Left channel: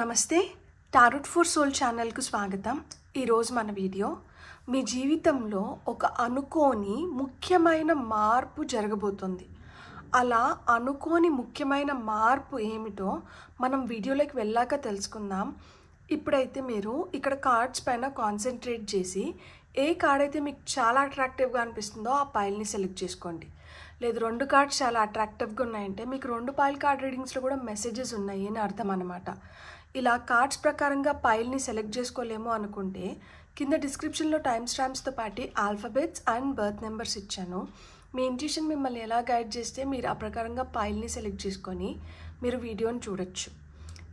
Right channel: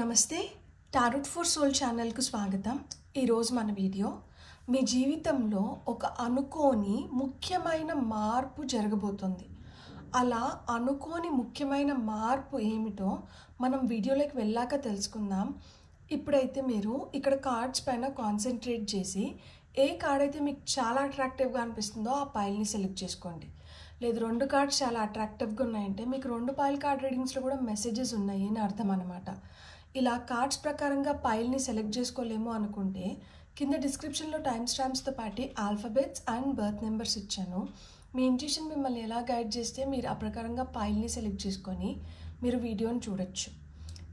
నమస్తే tarot for soul ఛానల్కు స్వాగతం. ఈరోజు మన వీడియో మీ జీవితంలో ఒక అనుకోని ముఖ్యమైన మార్పు జరగబోతుంది. అలా అనుకోని ముఖ్యమైన మార్పు ఏమిటో మనం వీడియోలోకి వెళ్ళాక తెలుసుకుందాం. ఇప్పుడైతే మీరు ఇక్కడ కార్డ్స్ పైన కాన్సన్ట్రేట్ చేసి ఏ కార్డ్ అయితే మీకు చాలా అట్రాక్టివ్గా అనిపిస్తుందో ఆ పైల్ని సెలెక్ట్ చేసుకోండి. లేదు 2 కార్డ్స్ చాలా అట్రాక్టివ్గా ఉన్నాయంటే మీకు 2 పైల్ కార్డ్ రీడింగ్స్లో కూడా మెసేజెస్ ఉన్నాయి అని అర్థం అన్నమాట. ఇలా కార్డ్స్ ప్రకారంగా పైల్ని సెలెక్ట్ చేసుకోలేమో అనుకుంటే కింద డిస్క్రిప్షన్లో టైమ్ స్టాంప్స్తో పాటు ఆల్ఫాబెట్స్ అండ్ బర్త్ నెంబర్స్ ఇచ్చాను. మీ ఇంట్యూషన్ మిమ్మల్ని ఎలా గైడ్ చేస్తే మీరు ఆ ప్రకారంగా పైల్ని సెలెక్ట్ చేసుకొని మీరు వీడియోని చూడొచ్చు.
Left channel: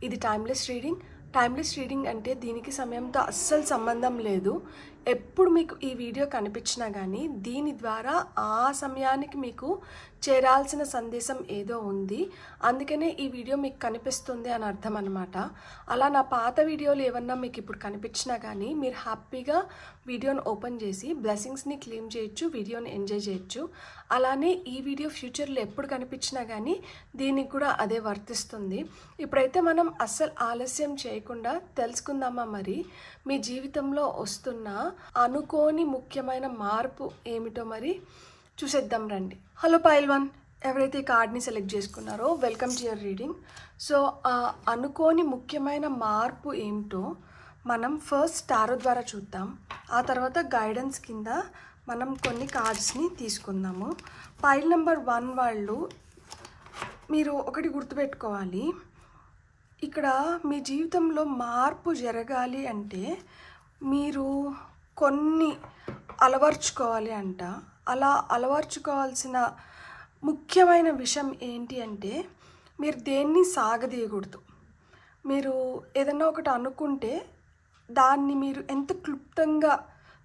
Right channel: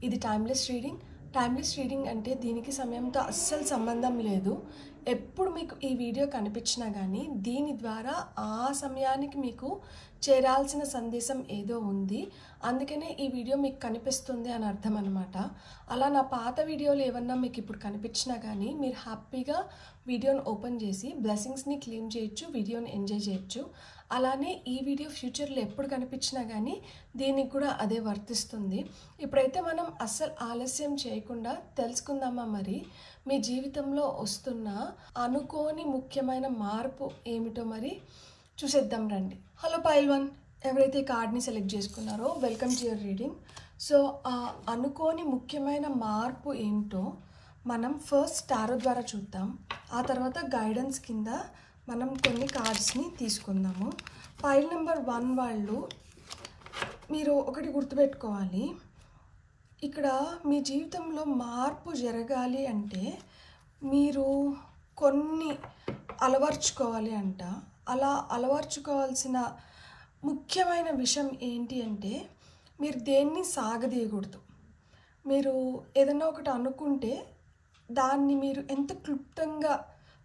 ఇది టైమ్లెస్ రీడింగ్. టైమ్లెస్ రీడింగ్ అంటే దీనికి సమయంతో అస్సలు సంబంధం లేదు. ఎప్పుడు మీకు ఈ వీడియో కనిపించినా కానీ దీని ద్వారా ఆ సమయానికి మీకు చేరాల్సిన సందేశం ఏదో ఉంది, అందుకనే ఈ వీడియో మీకు కనిపిస్తుంది అని అర్థం అనమాట. అలా నా పాత వీడియోలు ఏమన్నా మీకు ఇప్పుడు కనిపించినా కానీ మీరు హ్యాపీగా వీడియోని ఓపెన్ చేసి బ్లెస్సింగ్స్ని క్లెయిమ్ చేయొచ్చు, వీడియోని ఎంజాయ్ చేయొచ్చు. అలానే ఈ వీడియో ఫ్యూచర్లో ఎప్పుడు కనిపించినా కానీ దీనికి కూడా అదే వర్తిస్తుంది. ఇప్పుడైతే మనం అస్సలు ఆలస్యం చేయకుండా తెలుసుకుందామా మరి మీ జీవితంలో వస్తున్న అనుకోని ముఖ్యమైన మార్పు ఏమిటో మరి చూసేద్దాం రండి. హలో పైల్ 1, ఎవరైతే ఈ కార్డ్ని సెలెక్ట్ చేసుకున్నారో welcome to your reading. So ఆ అనుకోని ముఖ్యమైన మార్పు ఏమిటో మనం ఫస్ట్ టారో ద్వారా చూద్దాం. ఆ తర్వాత గైడెన్స్ కింద మనం కొన్ని కార్డ్స్ని తీసుకుందాము. పైల్ నెంబర్ 1 వాళ్ళు మీరు ఒకటి గుర్తుపెట్టుకోవాలి, ఇక్కడ మీ జీవితంలో మార్పు జరగాలి అంటే మీరు కొన్ని అలవర్చుకోవాలి అంట. అలా అలవర్చుకోవాల్సిన ముఖ్యమైన విషయం ఏంటి అంటే మీరు దేన్ని సాగదీయకూడదు. మీరు ఏదైనా ఒకటి అనుకుంటే దాన్ని మీరు ఎంత క్లుప్తంగా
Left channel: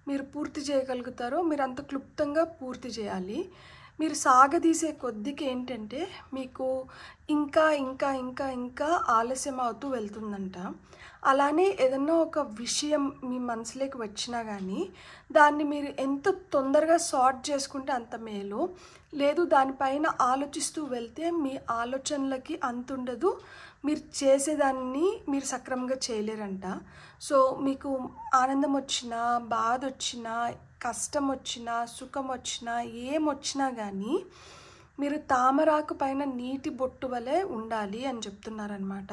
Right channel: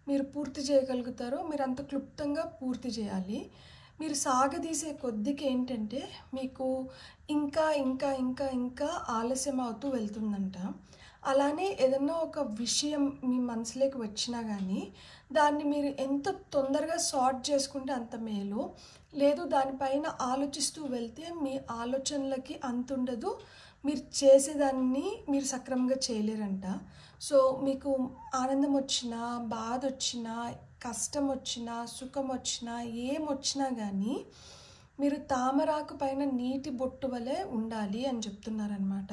మీరు పూర్తి చేయగలుగుతారో మీరు అంత క్లుప్తంగా పూర్తి చేయాలి. మీరు సాగదీసే కొద్దికి ఏంటంటే మీకు ఇంకా ఇంకా ఇంకా ఇంకా ఆలస్యం అవుతూ వెళ్తుందంట. అలానే ఏదన్నా ఒక విషయం మీ మనసులోకి వచ్చినా కానీ దాన్ని మీరు ఎంత తొందరగా సార్ట్ చేసుకుంటే అంత మేలు. లేదు దానిపైన ఆలోచిస్తూ వెళ్తే మీ ఆలోచనలకి అంతుండదు, మీరు చేసేదాన్ని మీరు సక్రమంగా చేయలేరంట. సో మీకు ఆనందం వచ్చినా, బాధ వచ్చినా, కష్టం వచ్చినా, సుఖం వచ్చినా, ఏమొచ్చినా కానీ మీరు తామరాకు పైన నీటి బొట్టు వలె ఉండాలి అని చెప్తున్నారనమాట.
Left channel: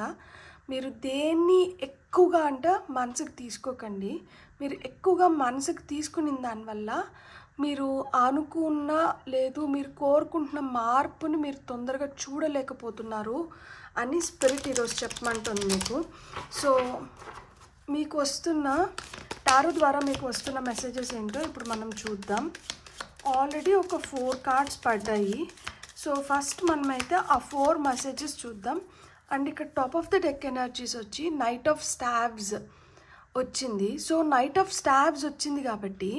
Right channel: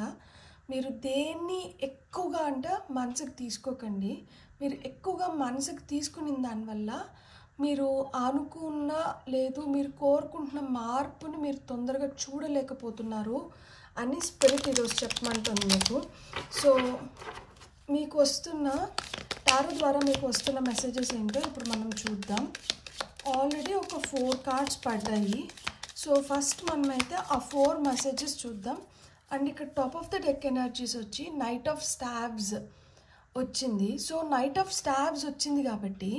మీరు దేన్ని ఎక్కువగా అంటే మనసుకు తీసుకోకండి. మీరు ఎక్కువగా మనసుకు తీసుకున్న దానివల్ల మీరు అనుకున్న లేదు మీరు కోరుకుంటున్న మార్పుని మీరు తొందరగా చూడలేకపోతున్నారు అని స్పిరిట్ ఈరోజు చెప్పమంటుంది మీకు. సో మీకు వస్తున్న టారో ద్వారా మీకు వస్తున్న మెసేజెస్ ఏంటో ఇప్పుడు మనం చూద్దాం. ఆల్రెడీ ఒక 4 కార్డ్స్ పడ్డాయి. సో ఫస్ట్ మనమైతే ఆ 4 మెసేజెస్ చూద్దాం. అండ్ ఇక్కడ top of the deck energies వచ్చి నైట్ ఆఫ్ స్టాబ్స్ వచ్చింది. సో నైట్ ఆఫ్ స్టాబ్స్ వచ్చింది కాబట్టి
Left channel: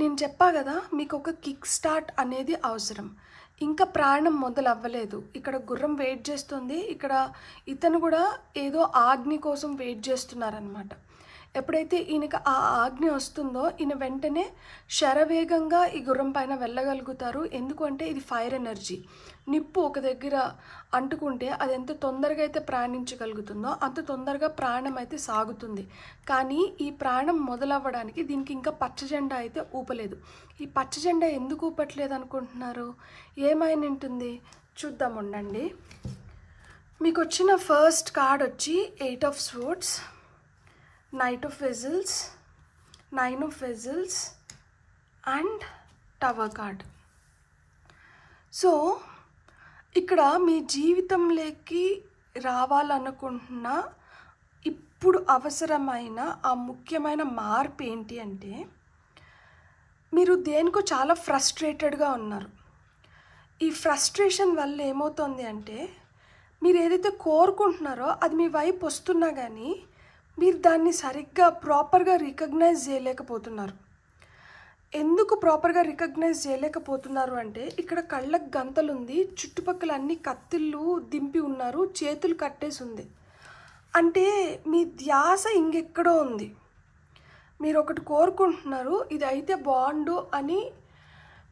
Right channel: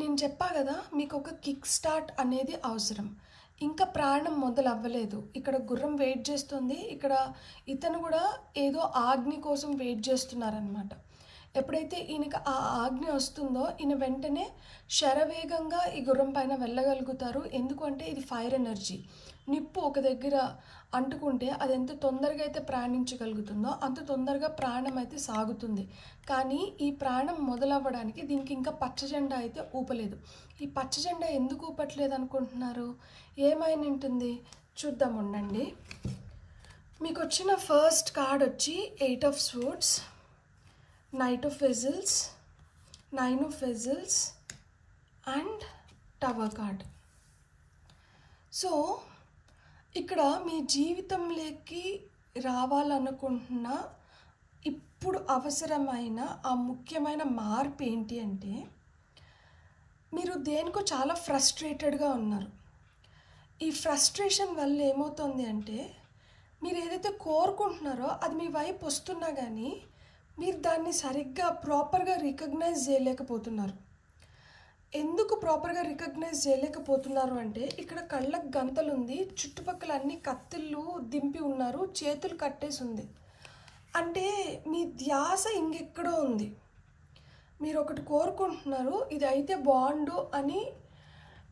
నేను చెప్పా కదా మీకు ఒక కిక్ స్టార్ట్ అనేది అవసరం. ఇంకా ప్రాణం మొదలవ్వలేదు. ఇక్కడ గుర్రం వెయిట్ చేస్తుంది, ఇక్కడ ఇతను కూడా ఏదో ఆజ్ఞ కోసం వెయిట్ చేస్తున్నారనమాట. ఎప్పుడైతే ఈయనకి ఆ ఆజ్ఞ వస్తుందో ఈయన వెంటనే శరవేగంగా ఈ గుర్రం పైన వెళ్ళగలుగుతారు. ఎందుకంటే ఇది ఫైర్ ఎనర్జీ. నిప్పు ఒక దగ్గర అంటుకుంటే అది ఎంత తొందరగా అయితే ప్రాణించగలుగుతుందో అంత తొందరగా ప్రాణం అయితే సాగుతుంది. కానీ ఈ ప్రాణం మొదలవ్వడానికి దీనికి ఇంకా పచ్చ జెండా అయితే ఊపలేదు. ఈ పచ్చ జెండా ఎందుకు ఊపట్లేదు అనుకుంటున్నారు? ఏమైనా ఉంటుంది చూద్దాం ఉండండి. మీకు వచ్చిన ఫస్ట్ కార్డ్ వచ్చి 8 of swords, knight of vessels, 9 of vessels and tower card. So ఇక్కడ మీ జీవితంలోకి రావాలనుకుంటున్న ఇప్పుడు అవసరమైన ఆ ముఖ్యమైన మార్పు ఏంటి అంటే మీరు దేనికో చాలా ఫ్రస్ట్రేటెడ్గా ఉన్నారు. ఈ ఫ్రస్ట్రేషన్ వల్ల ఏమవుతుంది అంటే మీరు ఏదైతే కోరుకుంటున్నారో అది మీ వైపు వస్తున్నా కానీ మీరు దాన్ని సరిగ్గా ప్రాపర్గా రికగ్నైజ్ చేయలేకపోతున్నారు. ఎందుకు ప్రాపర్గా రికగ్నైజ్ చేయలేకపోతున్నారు అంటే ఇక్కడ కళ్ళకు గంతలు ఉంది, చుట్టుపక్కల అన్ని కత్తిళ్ళు దింపి ఉన్నారు, చేతులు కట్టేసి ఉంది. అంటే మీ ధ్యాస ఇంకెక్కడో ఉంది. మీరు ఒకటి కోరుకుంటున్నారు, ఇది అయితే బాగుండు అని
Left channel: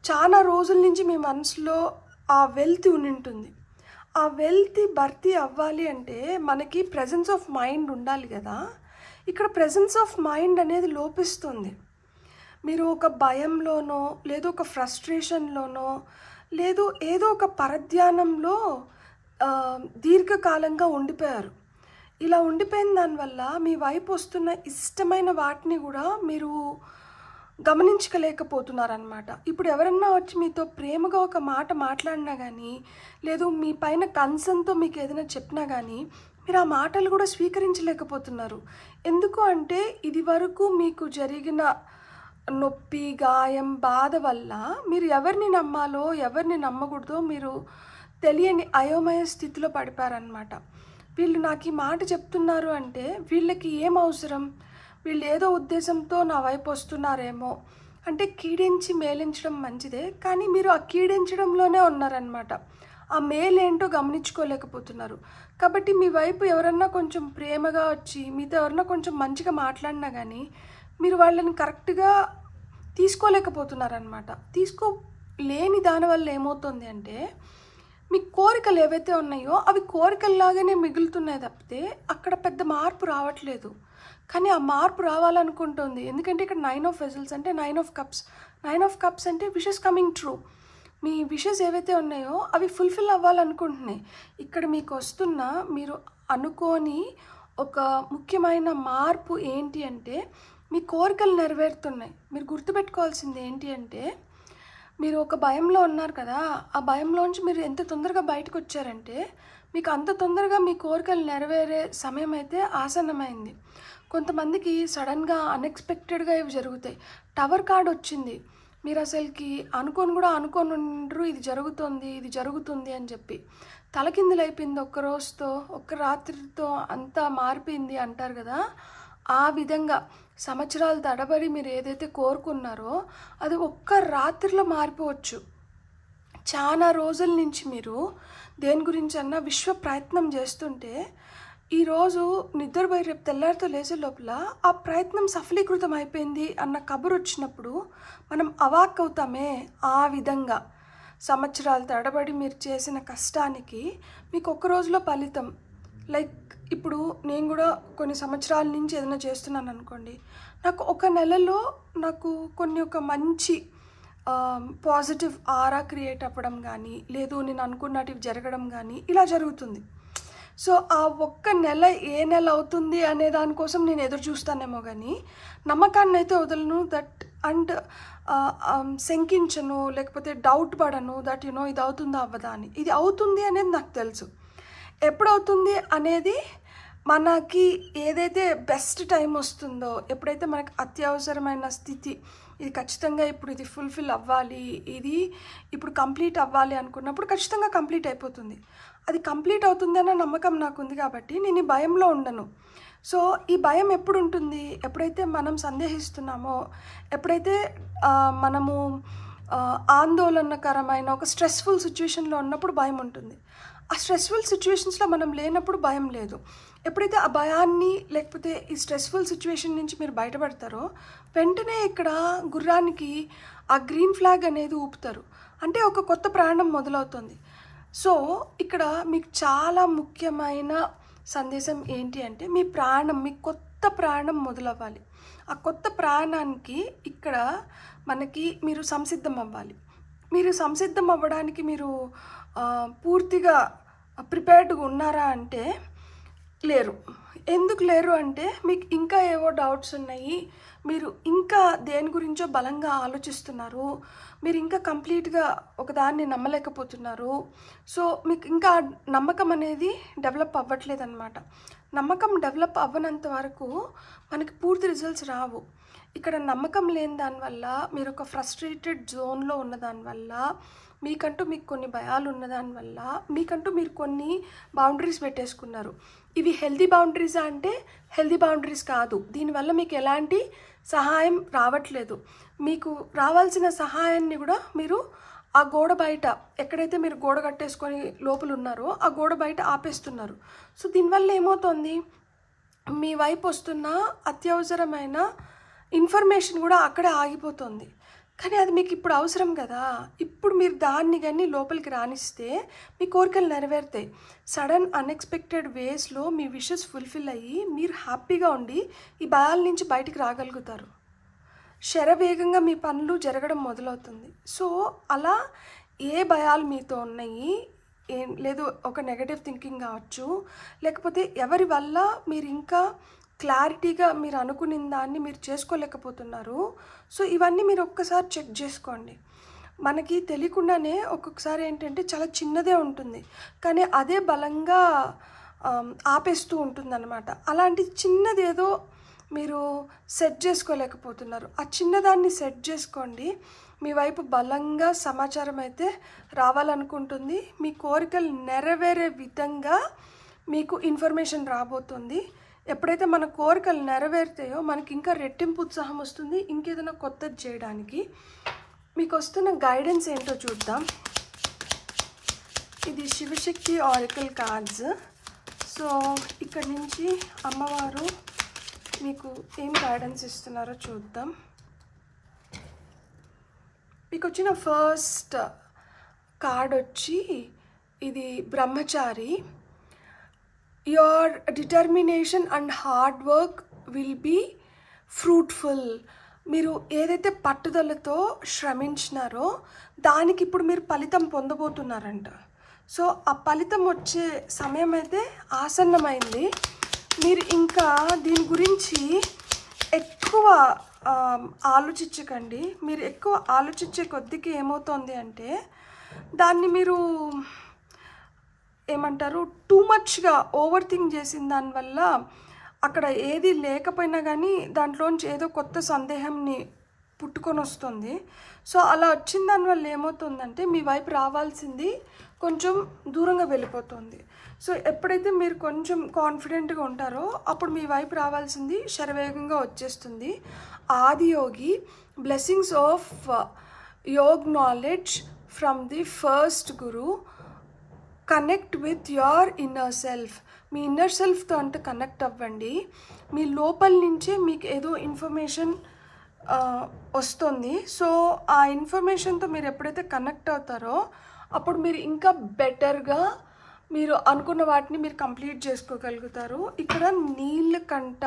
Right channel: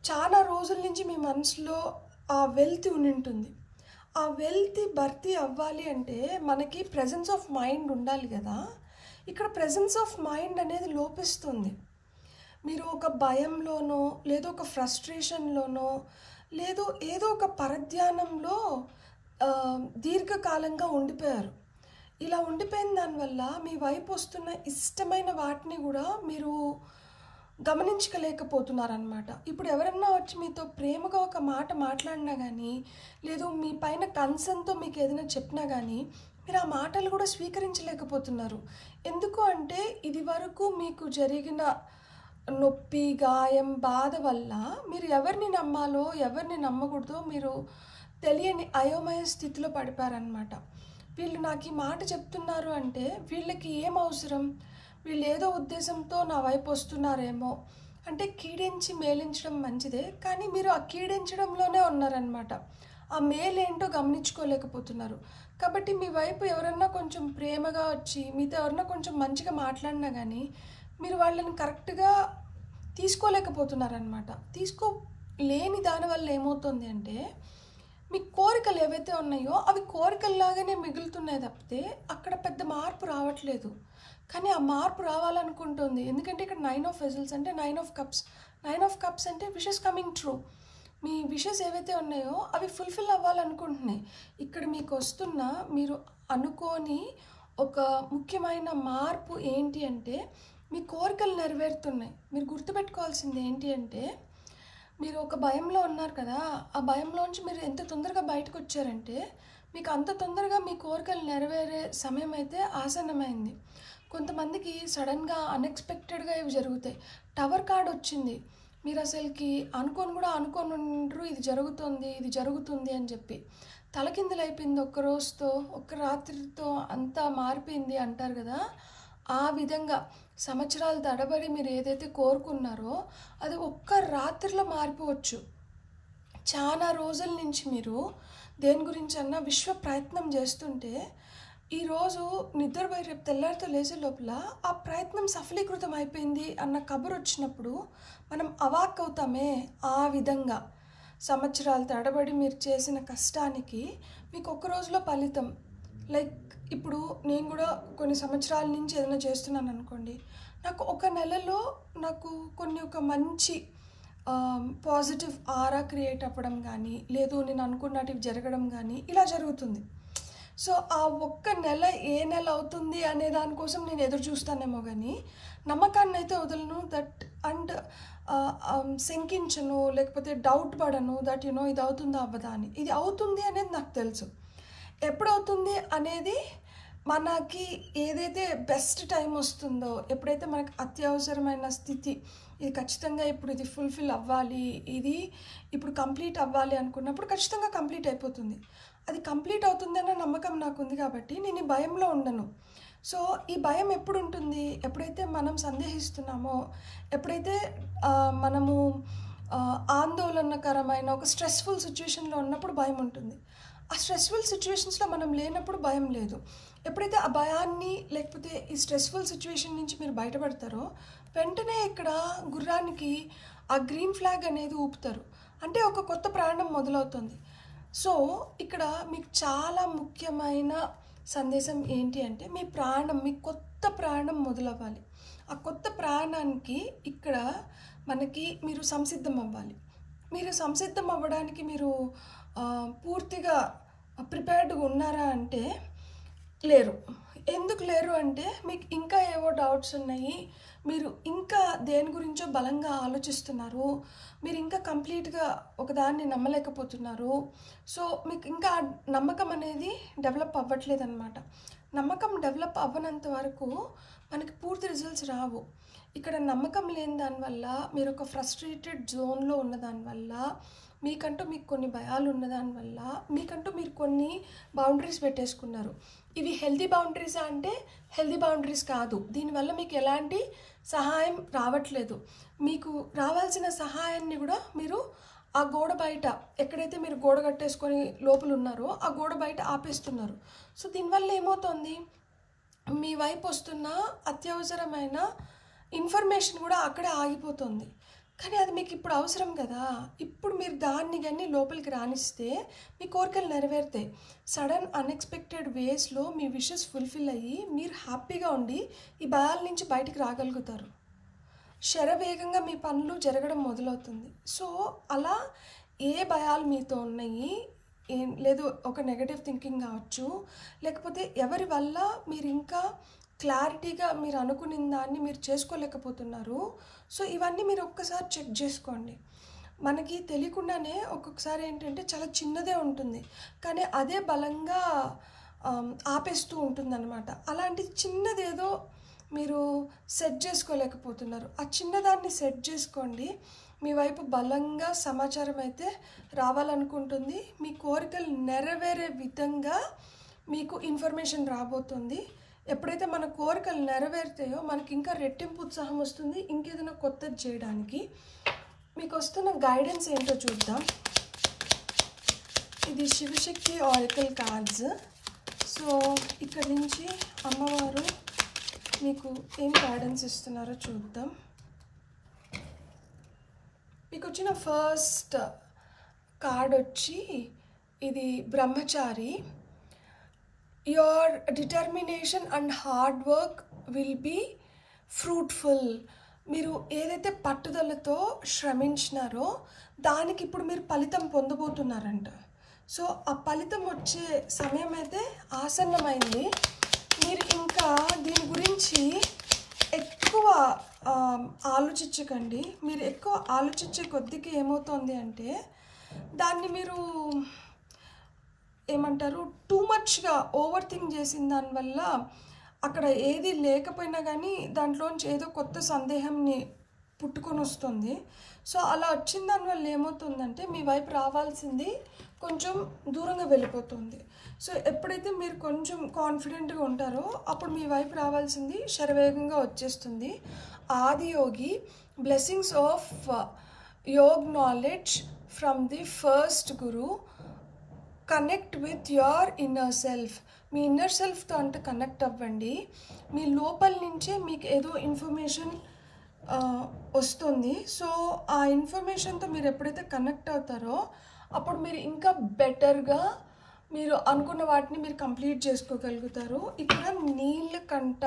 చాలా రోజుల నుంచి మీ మనసులో ఆ వెల్తి ఉంటుంది. ఆ వెల్త్ భర్తీ అవ్వాలి అంటే మనకి ప్రెజెన్స్ ఆఫ్ మైండ్ ఉండాలి కదా. ఇక్కడ ప్రెజెన్స్ ఆఫ్ మైండ్ అనేది లోపిస్తుంది. మీరు ఒక భయంలోనో లేదో ఒక ఫ్రస్ట్రేషన్లోనో లేదు ఏదో ఒక పరధ్యానంలో దీర్ఘకాలంగా ఉండిపోయారు. ఇలా ఉండిపోయిన దానివల్ల మీ వైపు వస్తున్న ఇష్టమైన వాటిని కూడా మీరు గమనించలేకపోతున్నారనమాట. ఇప్పుడు ఎవరన్నా వచ్చి మీతో ప్రేమగా ఒక మాట మాట్లాడినా కానీ లేదు మీ పైన కన్సర్న్తో మీకు ఏదైనా చెప్పినా కానీ మీరు ఆ మాటలు కూడా స్వీకరించలేకపోతున్నారు. ఎందుకు అంటే ఇది వరకు మీకు జరిగిన నొప్పి, గాయం, బాధ వల్ల మీరు ఎవరిని నమ్మాలో ఎవరిని నమ్మకూడదో మీరు తెలియని అయోమయ స్థితిలో పడిపారనమాట. వీళ్ళు నాకు ఈ మాట చెప్తున్నారు అంటే వీళ్ళకి ఏం అవసరం, వీళ్ళు ఏదో ఉద్దేశంతో నా వైపు వస్తున్నారేమో అంటే కీడించి మేలించడం మంచిదే, కానీ మీరు ఆ కీడించడంలోనే ఉన్నారనమాట. ఆ మేలేంటో గమనించుకోలేకపోతున్నారు. కాబట్టి మీ వైపు ఎవరన్నా కొంచెం ప్రేమగా వచ్చి మీతో ఎవరన్నా కొంచెం మంచిగా మాట్లాడినా కానీ మీరు వాళ్ళని కరెక్ట్గా తీసుకోలేకపోతున్నారనమాట. తీసుకోలేని దానివల్ల ఏమవుతుంది అంటే మీ కోరికలు ఏవైతే ఉన్నాయో అవి కోరికల్లాగానే మిగులుతున్నాయి తప్పితే అక్కడ పెద్ద మార్పు రావట్లేదు. కానీ ఆ మార్పు రావాలనుకుంటుంది. ఎందుకంటే ఇక్కడ 9 ఆఫ్ వెజల్స్ అంటే 9 ఆఫ్ కప్స్. 9 ఆఫ్ కప్స్ అంటే విషెస్ కమింగ్ ట్రూ. మీ విషెస్ ఏవైతే ఉన్నాయో అవి ఫుల్ఫిల్ అవ్వాలనుకుంటున్నాయి. ఇక్కడ మీకు వస్తున్న మీరు అనుకోని ఒక ముఖ్యమైన మార్పు ఏంటి అంటే మీ కోరికలు నెరవేరుతున్నాయి. మీరు గుర్తుపెట్టుకోవాల్సింది ఏంటి అంటే మీరు ఒక భయంలో ఉన్నారు కదా, ఆ భయంలోంచి మీరు ఎంత తొందరగా బయటకు వచ్చారంటే మీకు అంత తొందరగా మీ కోరికలు నెరవేరే సమయం అయితే ఆసన్నమైంది. కొంతమందికి సడన్గా అన్ఎక్స్పెక్టెడ్గా ఇవి జరుగుతాయి. టవర్ కార్డ్ వచ్చింది, మీరు అసలుకి అనుకోని ఉండరు ఇది జరుగుతుంది అని చెప్పి తలకిందులు అయిపోయింది. ఒక్క రోజుతో ఒక్క రాత్రితో అంతా మారిపోయింది అంటారు కదా. ఆ విధంగా సంవత్సరాలు తడబడి మీరు ఏదైతే కోరుకున్నారో అది ఒక్క రాత్రిలో మారిపోవచ్చు. చాలా రోజుల నుంచి మీరు దేని గురించి అన్నా విశ్వ ప్రయత్నం చేస్తుంటే ఈరోజు నిద్రపోయి రేపు తెల్లారితో లేచే లోపల ఆ ప్రయత్నం సఫలీకృతం అయిపోయింది అన్న కబురు వచ్చినప్పుడు మనం అవాక్ అవుతామే. ఆ విధంగా సంవత్సరాలు తడబడి మీరు చేసిన కష్టానికి మీకు ఒక్క రోజులో ఫలితం. లైక్ ఇప్పుడు నేను కూడా కొన్ని సంవత్సరాల నుంచి ఏదైనా చేస్తున్నాను అనుకోండి, నాకు ఒక నెలలో నాకు ఒక మంచి పాజిటివ్ ఆరా క్రియేట్ అవ్వడం కానీ లేదు నేను అనుకున్నటివి జరగడం కానీ ఇలా జరుగుతుంది. సో ఆ ఒక్క నెల ఏ నెల అవుతుంది అనే దానికోసం నేను ఎదురు చూస్తానేమో కానీ నమ్మకాన్ని అయితే వదలను. దట్ అండ్ శంకించను, లేకపోతే డౌట్ పడను దట్ ఇది అవుతుందా అవ్వదా అని. ఇది అవుతుంది అనేది నాకు తెలుసు. ఎప్పుడవుతుంది అనేది మనకి ఏదైతే బెస్ట్ టైం వస్తుందో, ఎప్పుడైతే మనకి అత్యవసరమైన స్థితి ఇది ఖచ్చితంగా ఇప్పుడు ఇది ఫుల్ఫిల్ అవ్వాలి, ఇది ఇప్పుడు కంప్లీట్ అవ్వాలి అనుకున్నప్పుడు ఖచ్చితంగా కంప్లీట్ అయిపోతుంది. అది కంప్లీట్ అవుతుంది అన్న నమ్మకం నాకు ఉంది కాబట్టి నేను ఈ భయంలో ఉండను. సో ఈ భయం ఎప్పుడు ఉంటుంది, ఎప్పుడైతే మనం సందేహిస్తున్నామో, ఎప్పుడైతే మనము ఆందోళనకరమైన ఒక స్ట్రెస్ఫుల్ సిచ్యువేషన్లో ఉన్నప్పుడు భయం ఉంటుంది. ఆ స్ట్రెస్ఫుల్ సిచ్యువేషన్స్లో మనం లేనప్పుడు భయం లేదు. ఎప్పుడైతే ఆ భయాన్ని లేకపోతే ఈ స్ట్రెస్ఫుల్ సిచ్యువేషన్ నుంచి మీరు బయటపడతారో వెంటనే ఇక్కడ గుర్రానికి ఆ గ్రీన్ ఫ్లాగ్ అనేది ఊపుతారు, అంటే ఒక కొత్త ప్రయాణం మొదలవుతుంది. సో ఇక్కడ మీకు చాలా ముఖ్యమైన సందేశం ఏంటి అంటే మీ కొత్త ప్రయాణం మొదలవ్వాలి. ఆ కొత్త ప్రయాణానికి ఇక్కడ మీరు సంసిద్ధం అవ్వాలి. మీరు సంసిద్ధం అవ్వడానికి మీరు పూర్తిగా ప్రిపేర్డ్గా ఉన్నారా అంటే లేరు. ఎందుకు లేరు అంటే మీకు ఇంకా ఏవో డౌట్స్ ఉన్నాయి, మీరు ఇంకా దేని గురించో బలంగా ఆలోచిస్తున్నారు, మీరు ఇంకా కంప్లీట్గా ఒకదాన్ని నమ్మలేకపోతున్నారు. సో మీకు ఇంకా నమ్మకం అనేది డెవలప్ అవ్వట్లేదు అనమాట. నమ్మకం డెవలప్ అవ్వనంత వరకు మనకి పూర్తి రిజల్ట్స్ రావు. ఇక్కడ నమ్మకం లేని దానివల్ల మీరు ఒక ఫ్రస్ట్రేటెడ్ జోన్లో ఉన్న దానివల్ల మీకు కొన్ని భయాలు ఉన్న దానివల్ల మీరు కొన్ని బౌండరీస్ పెట్టేసుకున్నారు. ఇవి హెల్దీ బౌండరీసా అంటే హెల్దీ బౌండరీస్ కాదు. దీనివల్ల మీకు ఎలాంటి సహాయం రావట్లేదు. మీకు రావాల్సిన సహాయాన్ని కూడా మీరు ఆ గోడ బయట, ఎక్కడైతే మీరు గోడ కట్టేసుకొని లోపల ఉన్నారో ఆ గోడ బయట ఆపేస్తున్నారు. సో దీనివల్ల ఏమవుతుంది, మీ వైపు వస్తున్న అత్యవసరమైన ఇన్ఫర్మేషన్ కూడా అక్కడే ఆగిపోతుంది. కానీ అది మీకు ఇప్పుడు అవసరం కదా. ఇప్పుడు మీరు దాన్ని కానీ లోపలికి రానిస్తే మీ కోరికలు నెరవేరుతాయి. సడన్ అన్ఎక్స్పెక్టెడ్ వేస్లో మీ విషెస్ ఫుల్ఫిల్ అయ్యి మీరు హ్యాపీగా ఉండి ఈ భయాల నుంచి బయటికి రాగలుగుతారు. శరవేగంగా మీ పనులు జరగడం మొదలవుతుంది. సో అలా ఏ భయాలు మీతో ఉన్నాయి, లేదు ఒక నెగటివ్ థింకింగ్ కావచ్చు, లేకపోతే ఎవరి వల్ల మీరు ఇంకా క్లారిటీగా మీరు అనుకున్న దాన్ని మీరు చేసుకోలేకపోతున్నారు. సో ఇవన్నీ మీరు ఒక్కసారి చెక్ చేసుకోండి. మనకి తెలియకుండానే ఒక్కొక్కసారి ఏంటంటే చాలా చిన్నదే ఉంటుంది, కానీ అదే బలంగా ఆపేస్తూ ఉంటుంది అన్నమాట. అలాంటి చిన్నది ఏదో మీరు సెట్ చేసుకోలేకపోతున్నారు. ఆ చిన్నదాన్ని సెట్ చేసుకోండి. మీ వైపు బలంగా సమాచారం అయితే రావాలనుకుంటుంది. మీ కోరికలు నెరవేరే విధంగా మీకు ఇన్ఫర్మేషన్ రాబోతుంది. ఎప్పుడైతే మన కోరికలు నెరవేరుతాయో మనకి ఇంకా రెట్టింపు ఉత్సాహం వస్తుంది ఇంకేదైనా కొత్తది చేయడానికి. మీకు వస్తున్న గైడెన్స్ ఏంటో చూద్దాం. ఇది శివశక్తి ఆరికల్ కార్డ్స్. సో ఇక్కడ నుంచి అమ్మవారు మీకు ఏం గైడెన్స్ ఇస్తున్నారో చూద్దాం. మీకు వచ్చిన ఫస్ట్ కార్డ్ వచ్చి ఇది బ్రహ్మచారి. Your determination and hard work will be fruitful. మీరు ఏదైతే పట్టుదలతో శ్రమించినారో దానికి ఇప్పుడు మీరు ఫలితం పొందబోతున్నారంట. సో ఆ ఫలితం వచ్చే సమయం అయితే ఆసన్నమైంది. మీరు ఇంకా దీని గురించి ఎక్కువ ఆలోచించకండి. మీరు ఎక్కువ ఆలోచించే కొద్దికి ఏమవుతుంది అంటే దాన్ని మీరు ఏమంటారు టూ మచ్గా ఓవర్ థింక్ చేసిన దానివల్ల అక్కడ ఏది లేకపోయినా కానీ దాంట్లోంచి ఏదో కొత్త సందేహంని పుట్టుకొని వస్తుంది. సో అలా వచ్చిన దానివల్ల ఏమవుతుందంటే మీ వైపు రావాల్సింది కొంచెం దూరంగా వెళ్ళిపోతుంది. సో ఎప్పుడైతే మీరు కొంచెం కాన్ఫిడెంట్గా ఉంటారో అప్పుడు మీ వైపు రావాల్సింది శరవేగంగా వచ్చేస్తుంది. Adiyogi blessings of yog knowledge from the first guru. Connect with your inner self. మీ ఇన్నర్ సెల్ఫ్తో అంటే కనెక్ట్ అవ్వండి. మీ లోపల నుంచే మీకు ఏదో ఇన్ఫర్మేషన్ వస్తుంది. సో ఆ ఇన్ఫర్మేషన్తో మీరు ఎప్పుడైతే కనెక్ట్ అవుతారో అప్పుడు మీరు ఇంకా బెటర్గా మీరు అనుకున్న వాటిని మీరు కంప్లీట్ చేసుకోగలుగుతారు. ఇక్కడ నీలకంఠ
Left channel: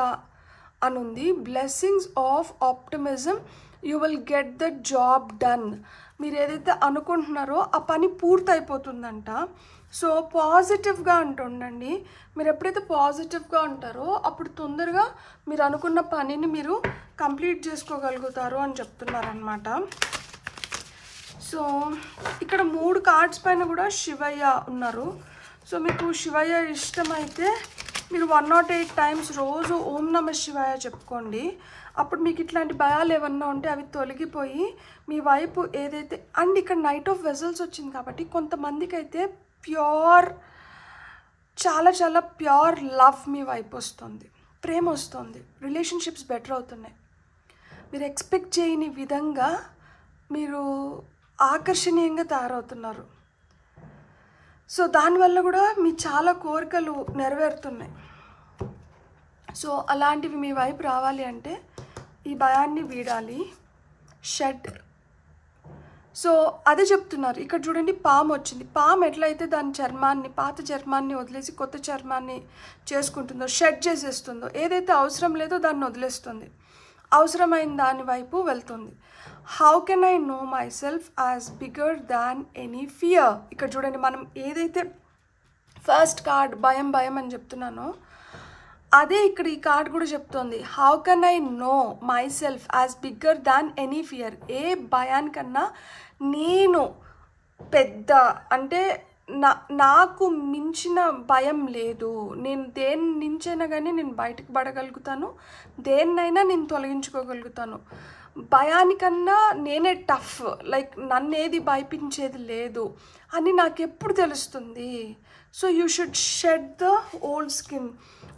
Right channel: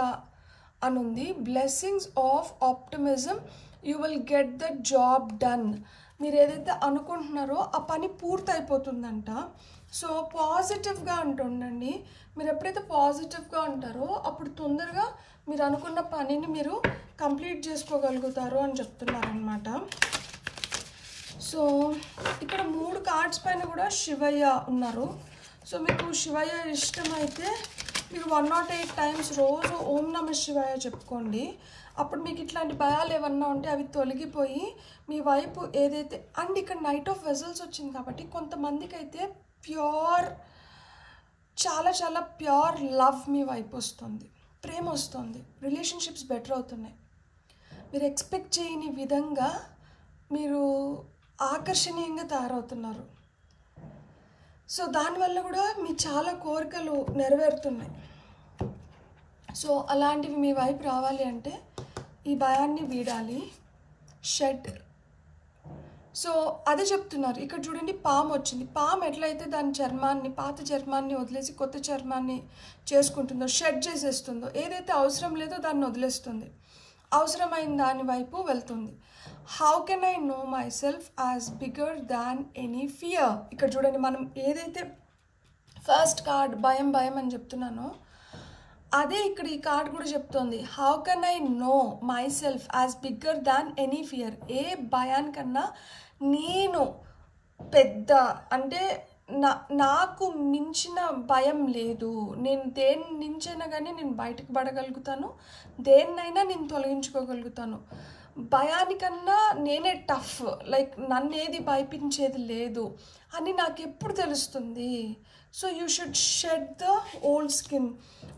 అని ఉంది. Blessings of optimism, you will get the job done. మీరు ఏదైతే అనుకుంటున్నారో ఆ పని పూర్తయిపోతుందంట. సో పాజిటివ్గా ఉంటుండండి. మీరు ఎప్పుడైతే పాజిటివ్గా ఉంటారో అప్పుడు తొందరగా మీరు అనుకున్న పనిని మీరు కంప్లీట్ చేసుకోగలుగుతారు అని చెప్తున్నారనమాట. సో ఇక్కడ 3 కార్డ్స్ పైన కూడా శివయ్య ఉన్నారు. సో మీకు శివయ్య ఇష్టమైతే మీరు 108 టైమ్స్ రోజు ఓం నమః శివాయ చెప్పుకోండి. అప్పుడు మీకు ఇట్లాంటి భయాలు ఏమన్నా ఉంటే అవి తొలగిపోయి మీ వైపు ఏదైతే అండ్ ఇక్కడ నైట్ ఆఫ్ వెజల్స్ వచ్చింది కాబట్టి కొంతమందికి అయితే ప్యూర్ చాలా చాలా ప్యూర్ లవ్ మీ వైపు వస్తుంది, ప్రేమ వస్తుంది, రిలేషన్షిప్స్ బెటర్ అవుతున్నాయి. మీరు ఎక్స్పెక్ట్ చేయని విధంగా మీరు ఆకర్షణీయంగా తయారవుతున్నారు. సో దానివల్ల కూడా మీ చాలా కోరికలు నెరవేరుతున్నాయి. సో అలాంటివి మీ వైపు రావాలి అంటే ఈ భయాన్ని వీడాలి. షెడ్. సో అదే చెప్తున్నారు. ఇక్కడ చూడండి పాము వచ్చింది. పాము ఎట్లయితే దాని చర్మాన్ని పాత చర్మాన్ని వదిలేసి కొత్త చర్మాన్ని చేసుకుంటుందో, షెడ్ చేసేస్తుందో, ఏదైతే అవసరం లేదో దాన్ని వదిలేస్తుంది, అవసరమైన దాని వైపు వెళ్తుంది. How can I know myself as bigger than any fear. ఇక్కడ చూడండి మనం ఏదైతే ఫస్ట్ కార్డ్ భయం భయం అని చెప్తున్నానో అదే ఇక్కడ ఈ కార్డ్ కూడా చెప్తోంది. How can I know myself as bigger than any fear. ఏ భయానికన్నా నేను పెద్ద అంటే నాకు మించిన భయం లేదు. నేను దేని నుంచైనా కానీ నేను బయటకు పడగలుగుతాను, దేన్నైనా నేను తొలగించుకోగలుగుతాను. భయానికన్నా నేనే టఫ్, లైక్ నన్ను ఏది భయపించేది లేదు అని నాకు ఎప్పుడు తెలుస్తుంది. So you should shed the old skin.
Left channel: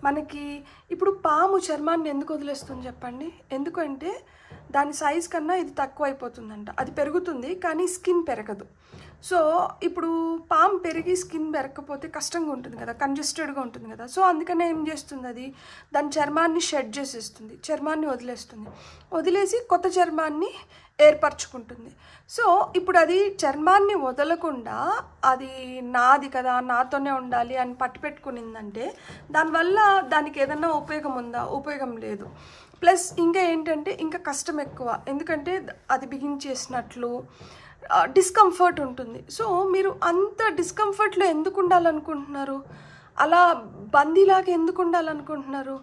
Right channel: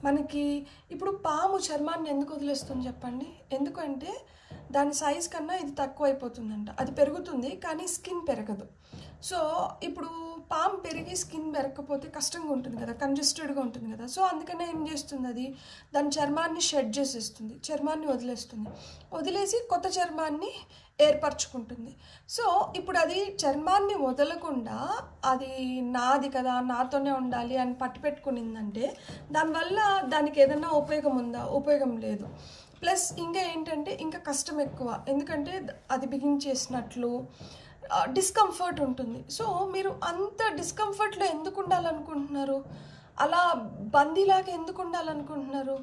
మనకి ఇప్పుడు పాము చర్మాన్ని ఎందుకు వదిలేస్తుంది చెప్పండి? ఎందుకంటే దాని సైజ్ కన్నా ఇది తక్కువ అయిపోతుందంట. అది పెరుగుతుంది కానీ స్కిన్ పెరగదు. సో ఇప్పుడు పాము పెరిగి స్కిన్ పెరగకపోతే కష్టంగా ఉంటుంది కదా, కంజెస్టెడ్గా ఉంటుంది కదా. సో అందుకనే ఏం చేస్తుంది, అది దాని చర్మాన్ని షెడ్ చేసేస్తుంది, చర్మాన్ని వదిలేస్తుంది. వదిలేసి కొత్త చర్మాన్ని ఏర్పరచుకుంటుంది. సో ఇప్పుడు అది చర్మాన్ని వదలకుండా అది నాది కదా, నాతోనే ఉండాలి అని పట్టు పెట్టుకునిందంటే దానివల్ల దానికి ఏదన్నా ఉపయోగం ఉందా? ఉపయోగం లేదు. ప్లస్ ఇంకా ఏంటంటే ఇంకా కష్టం ఎక్కువ, ఎందుకంటే అది బిగించేసినట్లు డిస్కంఫర్ట్ ఉంటుంది. సో మీరు అంత డిస్కంఫర్ట్లో ఎందుకు ఉండాలనుకుంటున్నారు? అలా బందీలాగా ఎందుకు ఉండాలనుకుంటున్నారు?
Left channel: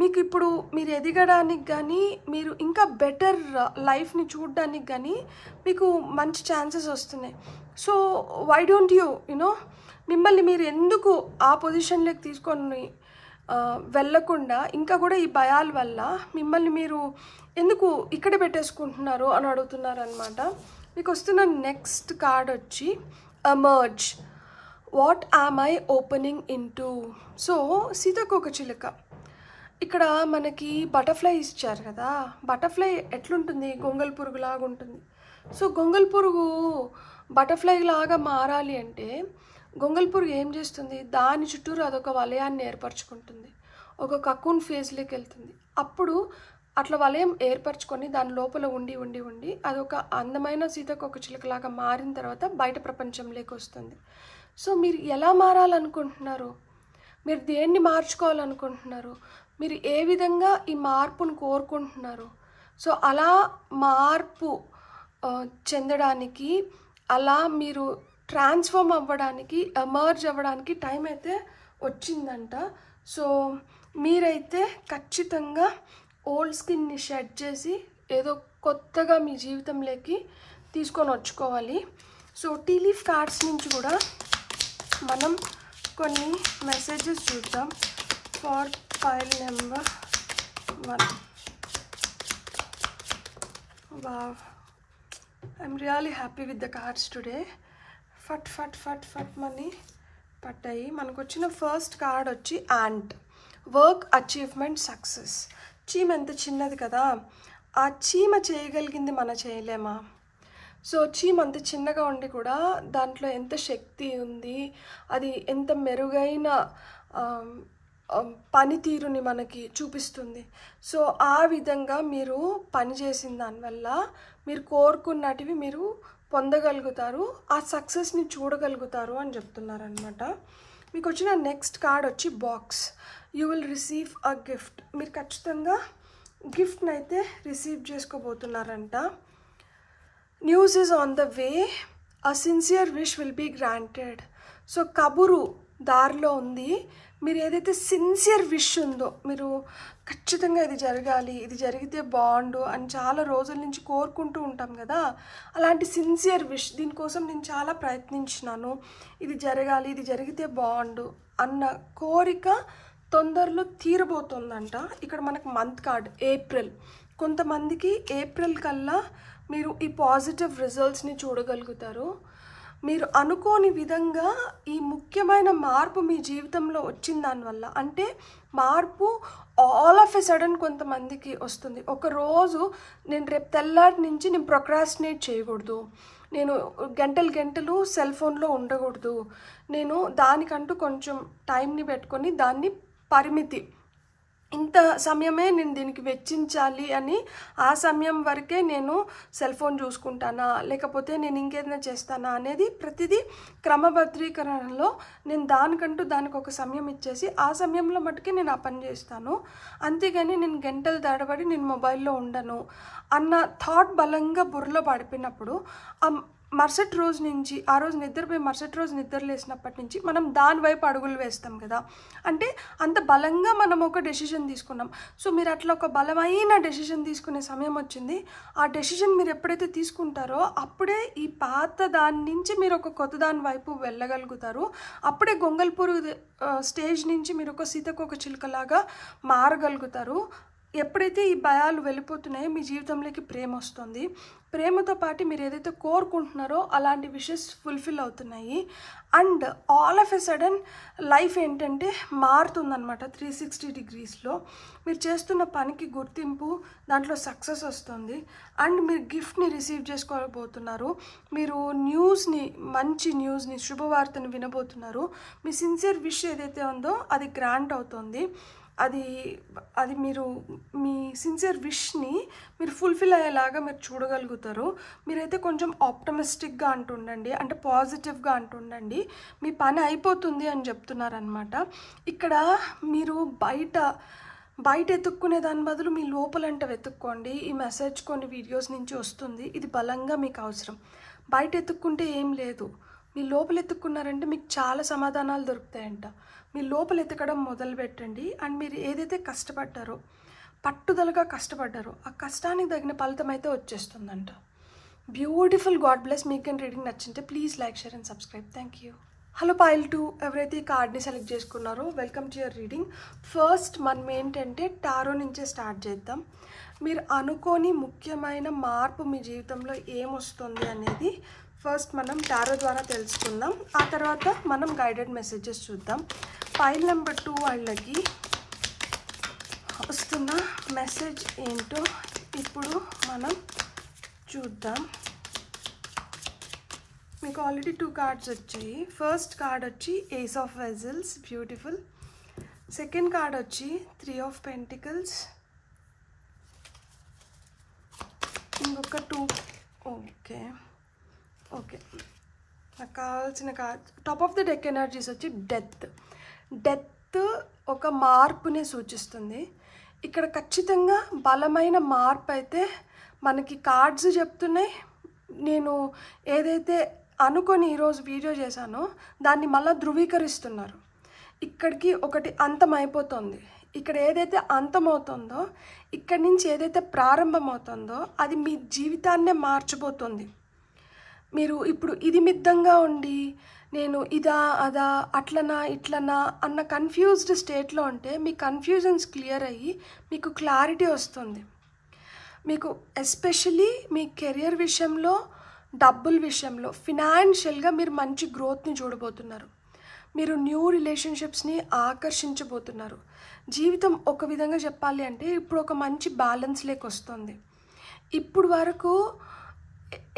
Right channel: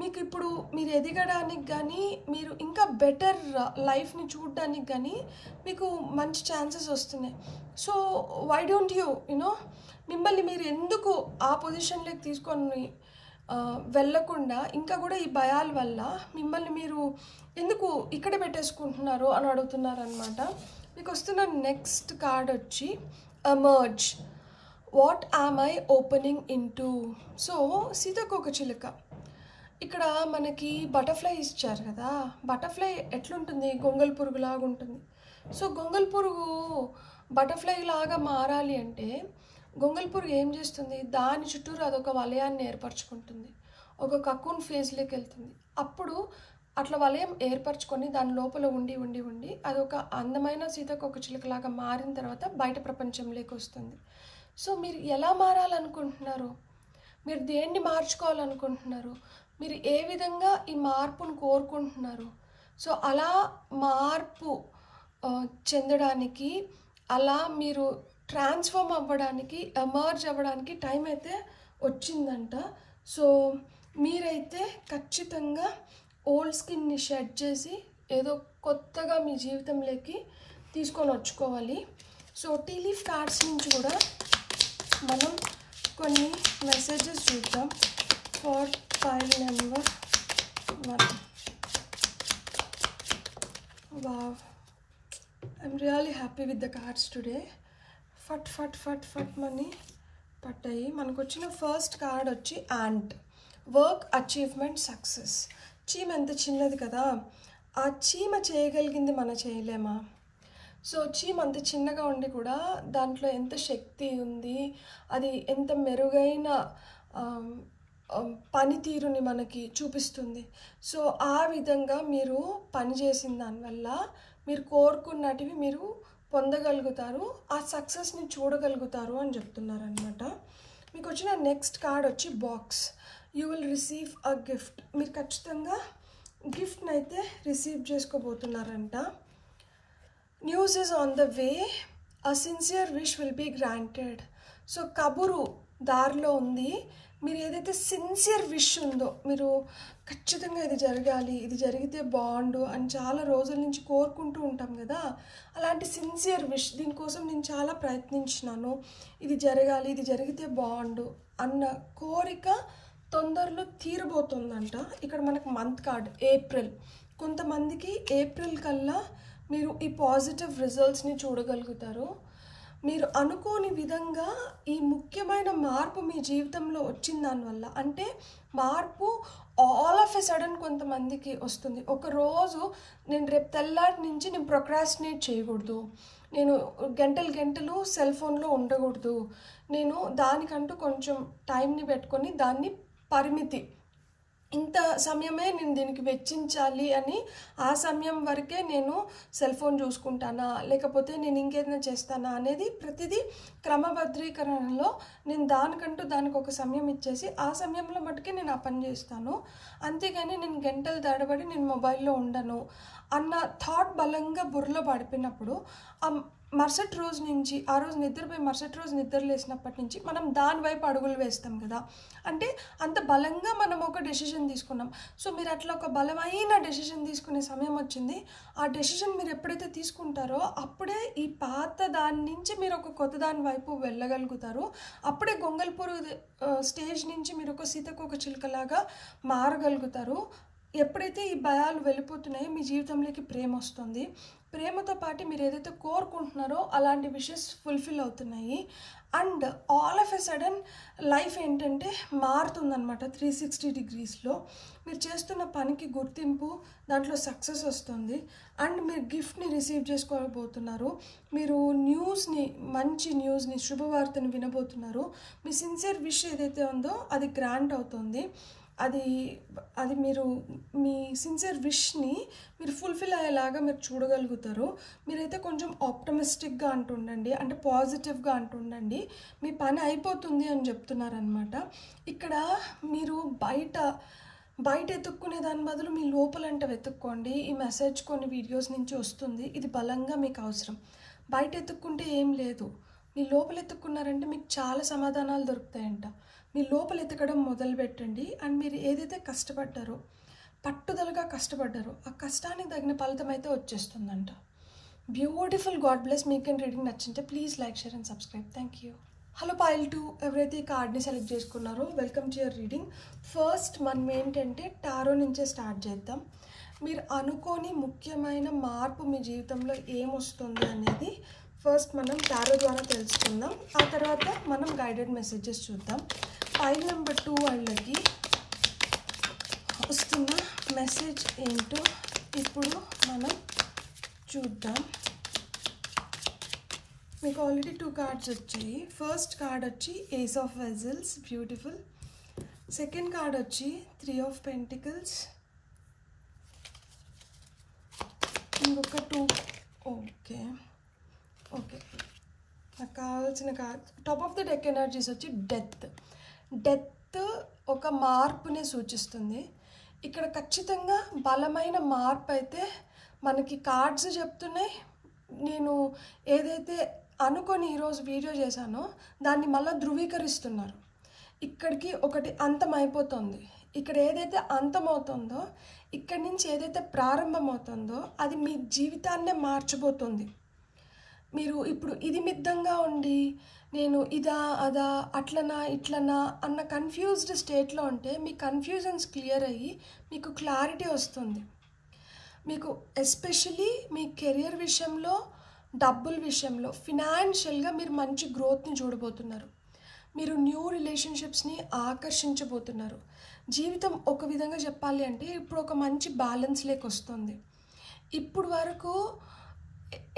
మీకు ఇప్పుడు మీరు ఎదగడానికి కానీ, మీరు ఇంకా బెటర్ లైఫ్ని చూడడానికి కానీ మీకు మంచి ఛాన్సెస్ వస్తున్నాయి. సో వై డోంట్ యునో మిమ్మల్ని మీరు ఎందుకు ఆ పొజిషన్లోకి తీసుకొని వెళ్ళకుండా ఇంకా కూడా ఈ భయాల వల్ల మిమ్మల్ని మీరు ఎందుకు ఇక్కడ పెట్టేసుకుంటున్నారు అని అడుగుతున్నారు అనమాట. మీకు వస్తున్న నెక్స్ట్ కార్డ్ వచ్చి emerge. What am eye opening into? So సీతాకోకచిలుక ఇక్కడ మనకి బటర్ఫ్లై ఇచ్చారు కదా, బటర్ఫ్లై ఎట్లుంటుంది? గొంగల్ పురుగు లాగా ఉంటుంది. సో గొంగల్ పురుగు బటర్ఫ్లై లాగా మారాలి అంటే గొంగల్ పురుగు ఏం చేస్తుంది? దాని చుట్టూరు అదొక వలయాన్ని ఏర్పరచుకుంటుంది, ఒక కకూన్ ఫేజ్లోకి వెళ్తుంది. అప్పుడు అట్లా వలయం ఏర్పరచుకొని దాని లోపల ఉండి ఉండి ఉండి అదొక అందమైన సీతాకోకచిలుకలాగా మారిన తర్వాత బయట ప్రపంచంలోకి వస్తుంది. సో మీరు ఎలా మారాలనుకుంటున్నారు? మీరు దేన్ని మార్చుకోవాలనుకుంటున్నారు? మీరు ఏ విధంగా ఈ మార్పును కోరుకుంటున్నారు? సో అలా మార్పు చెందడానికి, అలా మీరు ట్రాన్స్ఫార్మ్ అవ్వడానికి, ఎమర్జ్ అవ్వడానికి టైం అయితే వచ్చిందంట. సో మీరైతే ఖచ్చితంగా ఓల్డ్ స్కిన్ని షెడ్ చేసి ఏదో కొత్తగా మీ జీవితంలోకి తీసుకొని వచ్చుకోవాలి. సో టీ లీఫ్ కార్డ్స్ నుంచి కూడా మనం కొన్ని మెసేజెస్ చూద్దాం for file number 1. Wow, I'm really happy with the cards today. ఫట్ ఫట్ ఫట్ ఫట్ మనీ పట్టాయి. మనకు వచ్చిన ఫస్ట్ కార్డ్ వచ్చి యాంట్. Work, achievement, success. చీమ ఎంత చిన్నది కదా, ఆ చీమ చేయగలిగింది మనం చేయలేమా? సో చీమ అంత చిన్నగా ఉండి కూడా దాంట్లో ఎంత శక్తి ఉంది, అది ఎంత మెరుగైన పనితీరుని మనకి చూపిస్తుంది. సో ఆ విధంగా మీరు పనిచేసిన దానివల్ల మీరు కోరుకున్నటివి మీరు పొందగలుగుతారు, ఆ సక్సెస్ని చూడగలుగుతారు అని చెప్తున్నారు అనమాట. మీకు వచ్చిన నెక్స్ట్ కార్డ్ వచ్చి box. You will receive a gift. మీరు ఖచ్చితంగా గిఫ్ట్ని అయితే రిసీవ్ చేసుకోబోతున్నారంట. News is on the way, a sincere wish will be granted. So కబురు దారిలో ఉంది. మీరు ఏదైతే సిన్సియర్ విష్ ఉందో, మీరు ఖచ్చితంగా ఇది జరగాలి, ఇది జరిగితే బాగుండు అని చాలా రోజుల నుంచి కోరుకుంటూ ఉంటాం కదా, అలాంటి సిన్సియర్ విష్, దీనికోసం నేను చాలా ప్రయత్నించినాను, ఇది జరగాలి, ఇది జరిగితే బాగుండు అన్న కోరిక తొందరలో తీరబోతుందంట. ఇక్కడ మనకు మంత్ కార్డ్ ఏప్రిల్. కొంతమందికి ఏప్రిల్ కల్లా మీరు ఈ పాజిటివ్ రిజల్ట్స్ని చూడగలుగుతారు. మీరు అనుకోని విధంగా ఈ ముఖ్యమైన మార్పు మీ జీవితంలో వచ్చిన దానివల్ల, అంటే మార్పు ఆల్ ఆఫ్ ఎ సడన్ కొంతమందికి వస్తుంది. ఒకరోజు నేను రేపు తెల్లారి నుంచి నేను ప్రొక్రాస్టినేట్ చేయకూడదు, నేను గంటలు గంటలు సెల్ ఫోన్లో ఉండకూడదు, నేను దానికంటూ కొంచెం టైంని పెట్టుకొని దాన్ని పరిమితి, ఇంత సమయమే నేను దీనికి వెచ్చించాలి అని, ఆ సమయం వరకే నేను సెల్ ఫోన్ చూసుకుంటానా లేకపోతే నేను ఇంకేదైనా చేస్తానా అనేది ప్రతిదీ క్రమబద్ధీకరణలో నేను దానికంటూ దానికి ఒక సమయం ఇచ్చేసి ఆ సమయంలో మటుకే నేను ఆ పని చేస్తాను. అంతేగాని నేను గంటలు తడబడి నేను మొబైల్లో ఉండను అన్న థాట్ బలంగా బుర్రలో పడిపోయినప్పుడు మరుసటి రోజు నుంచి, ఆ రోజు నిద్రపోయి మరుసటి రోజు నిద్ర లేసినప్పటి నుంచి మనం దాని వైపు అడుగులు వేస్తాం కదా, అంటే అంత బలంగా మనం ఒక డెసిషన్ తీసుకున్నాం. సో మీరు అట్లా ఒక బలమైన డెసిషన్ తీసుకునే సమయం వచ్చింది. ఆ డెసిషన్ మీరు ఎప్పుడైతే తీసుకుంటారో అప్పుడే ఈ పాత దాని నుంచి మీరు ఒక కొత్త దాని వైపు వెళ్ళగలుగుతారు. అప్పుడే గొంగల్పూర్ స్టేజ్ నుంచి మీరు ఒక సీతాకోకచిలుకలాగా మారగలుగుతారు. ఎప్పుడైతే ఈ భయాలు వెళ్ళిపోతున్నాయో మీ జీవితంలోకి ప్రేమ వస్తుంది. ప్రేమతో పాటు మీరు ఏదైతే కోరుకుంటున్నారో అలాంటి విషెస్ ఫుల్ఫిల్ అవుతున్నాయి. And all of a sudden life ఏంటంటే మారుతుందన్నమాట 360 డిగ్రీస్లో. మీరు చేస్తున్న పనికి గుర్తింపు, దాంట్లో సక్సెస్ వస్తుంది. అండ్ మీరు గిఫ్ట్ని రిసీవ్ చేసుకోబోతున్నారు, మీరు న్యూస్ని, మంచి న్యూస్ని, శుభవార్తను వినబోతున్నారు. మీ సిన్సియర్ విష్ ఏదైతే ఉందో అది గ్రాంట్ అవుతుంది. అది మీరు మీ సిన్సియర్ విష్ని మీరు ఫుల్ఫిల్ అయ్యేలాగా మీరు చూడగలుగుతారు. మీరైతే కొంచెం ఆప్టమిస్టిక్గా అంటుండండి, అంటే పాజిటివ్గా అంటుండండి. మీ పని అయిపోతుంది అని చెప్తున్నారనమాట. ఇక్కడ మీరు బయట ఎత్తుక్కునే దాని బదులు మీ లోపలంటే వెతుక్కోండి. ఈ మెసేజ్ కొన్ని వీడియోస్ నుంచి వస్తుంది, ఇది బలంగా మీకు అవసరం. బయట ఎత్తుక్కుంటే ఏం లేదు, మీ లోపల ఎత్తుక్కున్నారంటే మీకు చాలా సమాధానాలు దొరుకుతాయంట. మీ లోపల ఎతకడం మొదలు పెట్టండి. అండ్ మీరు ఏదైతే కష్టపడ్డారో, పట్టుదలగా కష్టపడ్డారో, ఆ కష్టానికి తగిన ఫలితం అయితే వచ్చేస్తుందంట. బ్యూటిఫుల్. God bless. మీకు రీడింగ్ నచ్చింటే please like, share and subscribe. Thank you. Hello pile 2, ఎవరైతే ఈ కార్డ్ని సెలెక్ట్ చేసుకున్నారో welcome to your reading. First మనం ఏంటంటే టారో నుంచే స్టార్ట్ చేద్దాం. మీరు అనుకోని ముఖ్యమైన మార్పు మీ జీవితంలో ఏమొస్తుంది అనేది ఫస్ట్ మనం టారో ద్వారా తెలుసుకుందాం. ఆ తర్వాత మనం గైడెడ్ మెసేజెస్ చూద్దాం. పైల్ నెంబర్ 2 వాళ్ళకి వస్తున్న మెసేజ్ ఏంటో ఇప్పుడు మనం చూద్దాం. మీకు ఆల్రెడీ 2 కార్డ్స్ వచ్చాయి. ఫస్ట్ కార్డ్ వచ్చి ace of vessels, beautiful. Second card వచ్చి 3 ఆఫ్ పెంటికల్స్. ఇంకొక 2. ఓకే నాకు కావాల్సిన card top of the deck energies వచ్చి డెత్ ఒక మార్పుని సూచిస్తుంది. ఇక్కడ ఖచ్చితంగా బలమైన మార్పు అయితే మనకి కార్డ్స్ చెప్తున్నాయి. నేను ఏదైతే అనుకొని ఈరోజు వీడియో చేశానో దాన్ని మళ్ళీ ధృవీకరిస్తున్నారు. ఇక్కడికి ఒకటి అంతం అయిపోతుంది. ఇక్కడ ఏదైతే అంతమవుతుందో, ఇక్కడి నుంచి ఏదైతే ప్రారంభమవుతుందో అది మీ జీవితాన్నే మార్చబోతుంది. మీరు ఇప్పుడు ఇది మిద్దంగా ఉండి నేను ఇదా అదా అట్లనా ఇట్లనా అన్న కన్ఫ్యూజ్డ్ స్టేట్లో ఉంటే మీ కన్ఫ్యూజన్స్ క్లియర్ అయ్యి మీకు క్లారిటీ వస్తుంది. మీకు ఎస్పెషలీ మీ కెరియర్ విషయంలో, డబ్బుల విషయంలో, ఫినాన్షియల్గా మీరు మంచి గ్రోత్ని చూడబోతున్నారు. మీరు న్యూ రిలేషన్షిప్స్ని ఆకర్షించబోతున్నారు. జీవితం ఒక విధంగా చెప్పాలి అంటే ఇప్పుడు ఒక మంచి బ్యాలెన్స్ లేక వస్తుంది. ఇప్పుడు వరకు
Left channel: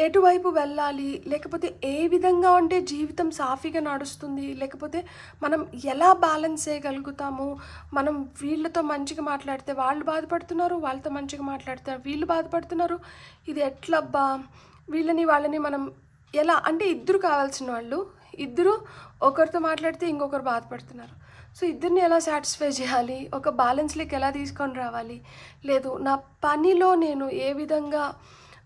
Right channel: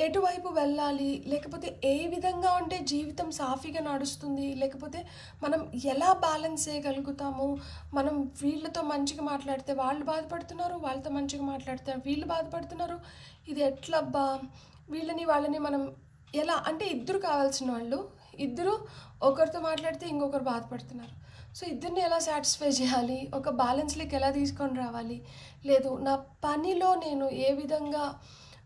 ఎటువైపు వెళ్ళాలి, లేకపోతే ఏ విధంగా ఉంటే జీవితం సాఫీగా నడుస్తుంది, లేకపోతే మనం ఎలా బ్యాలెన్స్ చేయగలుగుతాము, మనం వీళ్ళతో మంచిగా మాట్లాడితే వాళ్ళు బాధపడుతున్నారు, వాళ్ళతో మంచిగా మాట్లాడితే వీళ్ళు బాధపడుతున్నారు, ఇది ఎట్లబ్బా, వాళ్ళని మనం ఎలా అంటే ఇద్దరు కావాల్సిన వాళ్ళు, ఇద్దరు ఒకరితో మాట్లాడితే ఇంకొకరు బాధపడుతున్నారు. సో ఇద్దరిని ఎలా సాటిస్ఫై చేయాలి, ఒక బ్యాలెన్స్లోకి ఎలా తీసుకొని రావాలి, లేదు నా పనిలో నేను ఏ విధంగా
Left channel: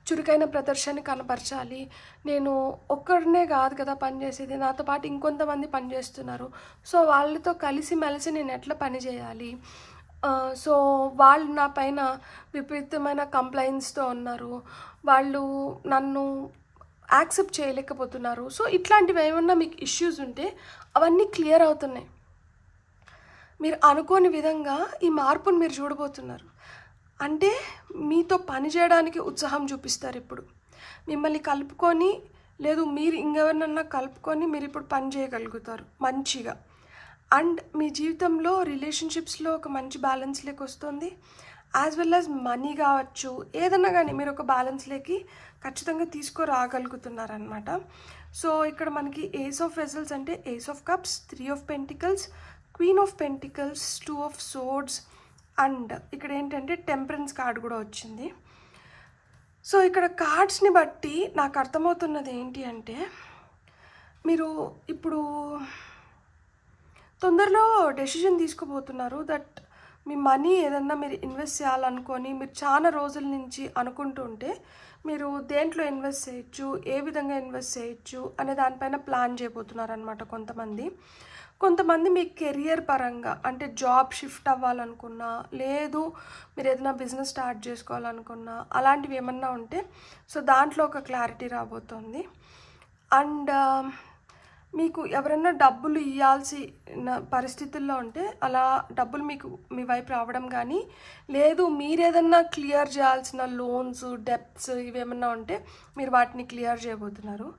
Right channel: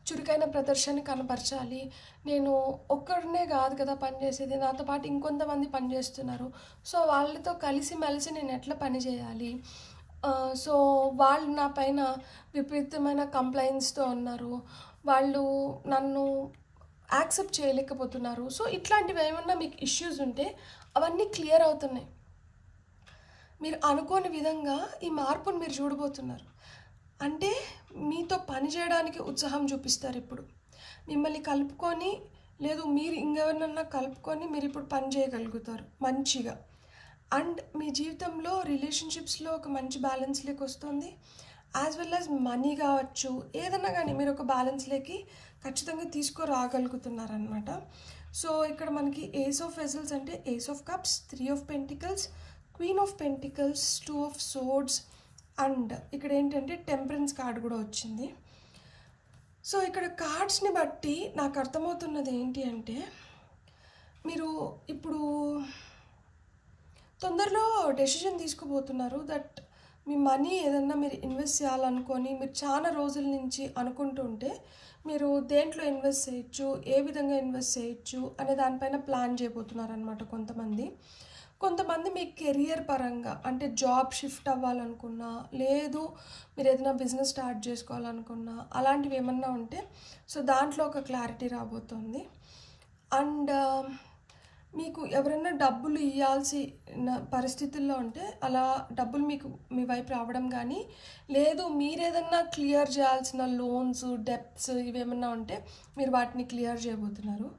చురుకైన ప్రదర్శన కనపరచాలి, నేను ఒక్కడనే కాదు కదా పనిచేసేది, నాతో పాటు ఇంకొంతమంది పనిచేస్తున్నారు, సో వాళ్ళతో కలిసిమెలిసి నేను ఎట్లా పని చేయాలి, సో వాళ్ళు నా పైన విపరీతమైన కంప్లైంట్స్తో ఉన్నారు, వాళ్ళు నన్ను యాక్సెప్ట్ చేయలేకపోతున్నారు. సో ఇట్లాంటివి ఏమన్నా మీకు ఇష్యూస్ ఉంటే అవన్నీ క్లియర్ అవుతున్నాయి. మీరు అనుకోని విధంగా ఈ మార్పును మీరు చూడబోతున్నారు. అంటే మీతో పని చేయడానికి ఉత్సాహం చూపిస్తారు. ఇప్పుడు మిమ్మల్ని కలుపుకొని, లేదు మీరు ఇంకెవరినన్నా కలుపుకొని మీరు ఇప్పుడు పని చేయగలుగుతారు మంచిగా. అండ్ మీ జీవితంలో రిలేషన్షిప్స్లో ఒక మంచి బ్యాలెన్స్ లేక వస్తుంది. యాజ్ వెల్ యాజ్ మనీ కావచ్చు, ఏదన్నా కానీ మీరు ఒక బ్యాలెన్స్లోకి ఖచ్చితంగా తీసుకురాగలుగుతున్నారనమాట. సో ఇక్కడ మనకి ఏస్ ఆఫ్ వెజల్స్ అంటే ace of cups, 3 of pentacles, queen of pentacles, 2 of swords, and ఇక్కడ ఏంటంటే టెంపరెన్స్ కార్డ్ కూడా వచ్చింది. సో ఇక్కడ కార్డ్స్ని బట్టి నాకు అర్థమవుతున్నది ఏంటి అంటే మీరు ఇప్పుడు తొందరలో డెసిషన్ తీసుకోబోతున్నారు. దట్ మీ మనీ ఏదన్నా మీరు ఇన్వెస్ట్ చేయాలనుకొని మీరు చాలా రోజుల నుంచి అనుకుంటూ ఉంటే మీరు దేంట్లో ఇన్వెస్ట్ చేయొచ్చు, ఏ విధంగా ఇన్వెస్ట్ చేయొచ్చు అనే దానిపైన ప్లాన్ చేయబోతున్నారు అనమాట. కొంతమంది మీ కెరియర్ పరంగా అంటే జాబ్ షిఫ్ట్ అవ్వాలనుకున్నా, లేదు మీరు ఏదైనా బిజినెస్ స్టార్ట్ చేసుకోవాలనుకున్నా, అలాంటివి ఏమన్నా ఉంటే సో దాంట్లో ఒక క్లారిటీ రాబోతుంది. అండ్ మీకు ఎవరైనా డబ్బులు ఇవ్వాల్సిన పరిస్థితుల్లో ఉంటే అలా డబ్బులు మీ వైపు రావడం కానీ, లేదు మీరేదన్నా క్లియర్ చేయాల్సిన లోన్స్, డెప్ట్స్ ఇవేమన్నా ఉంటే మీరు వాటిని క్లియర్ చేయబోతున్నారు.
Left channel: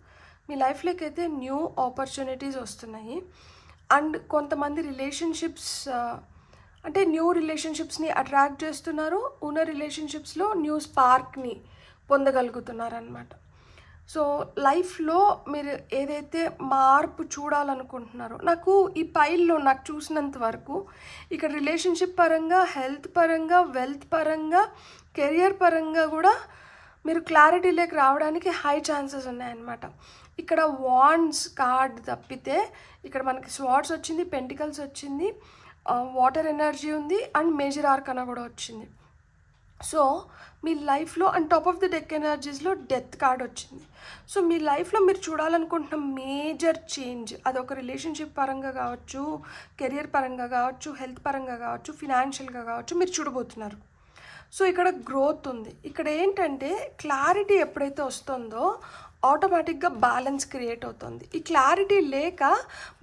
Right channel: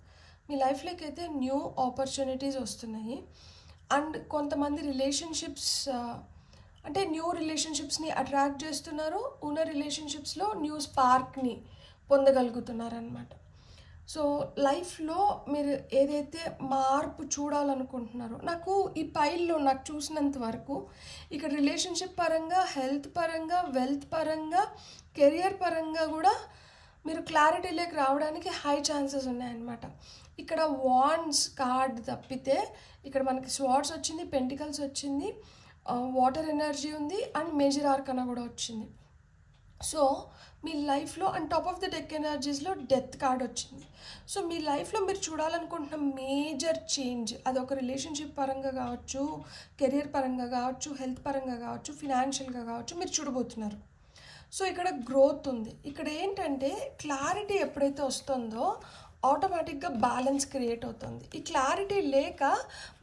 మీ లైఫ్లోకి అయితే న్యూ ఆపర్చునిటీస్ వస్తున్నాయి. అండ్ కొంతమంది రిలేషన్షిప్స్ అంటే న్యూ రిలేషన్షిప్స్ని అట్రాక్ట్ చేస్తున్నారు. ఉన్న రిలేషన్షిప్స్లో న్యూ స్పార్క్ని పొందగలుగుతున్నారు అనమాట. సో లైఫ్లో మీరు ఏదైతే మార్పు చూడాలనుకుంటున్నారో, నాకు ఈ పైల్లో నాకు చూసినంత వరకు ఇక్కడ రిలేషన్షిప్ పరంగా, హెల్త్ పరంగా, వెల్త్ పరంగా, కెరియర్ పరంగా కూడా మీరు క్లారిటీలోకి రావడానికి హై ఛాన్సెస్ ఉన్నాయన్నమాట. ఇక్కడ వాండ్స్ కార్డ్ తప్పితే ఇక్కడ మనకి స్వార్డ్స్ వచ్చింది, పెంటికల్స్ వచ్చింది, వాటర్ ఎనర్జీ ఉంది, అండ్ మేజర్ ఆర్కనా కూడా వచ్చింది. సో మీ లైఫ్లో and top of the deck ఎనర్జీస్లో డెత్ కార్డ్ వచ్చింది. సో మీ లైఫ్లో మీరు చూడాలనుకుంటున్న మేజర్ చేంజ్, అదొక రిలేషన్షిప్ పరంగా కావచ్చు, కెరియర్ పరంగా కావచ్చు, హెల్త్ పరంగా కావచ్చు, ఫినాన్షియల్గా కావచ్చు, మీరు చూడబోతున్నారు. సో ఇక్కడ గ్రోత్ ఉంది. ఇక్కడ ఏంటంటే క్లారిటీ ఎప్పుడైతే వస్తుందో ఆటోమేటిక్గా బ్యాలెన్స్ క్రియేట్ అవుతుంది. ఈ క్లారిటీ లేక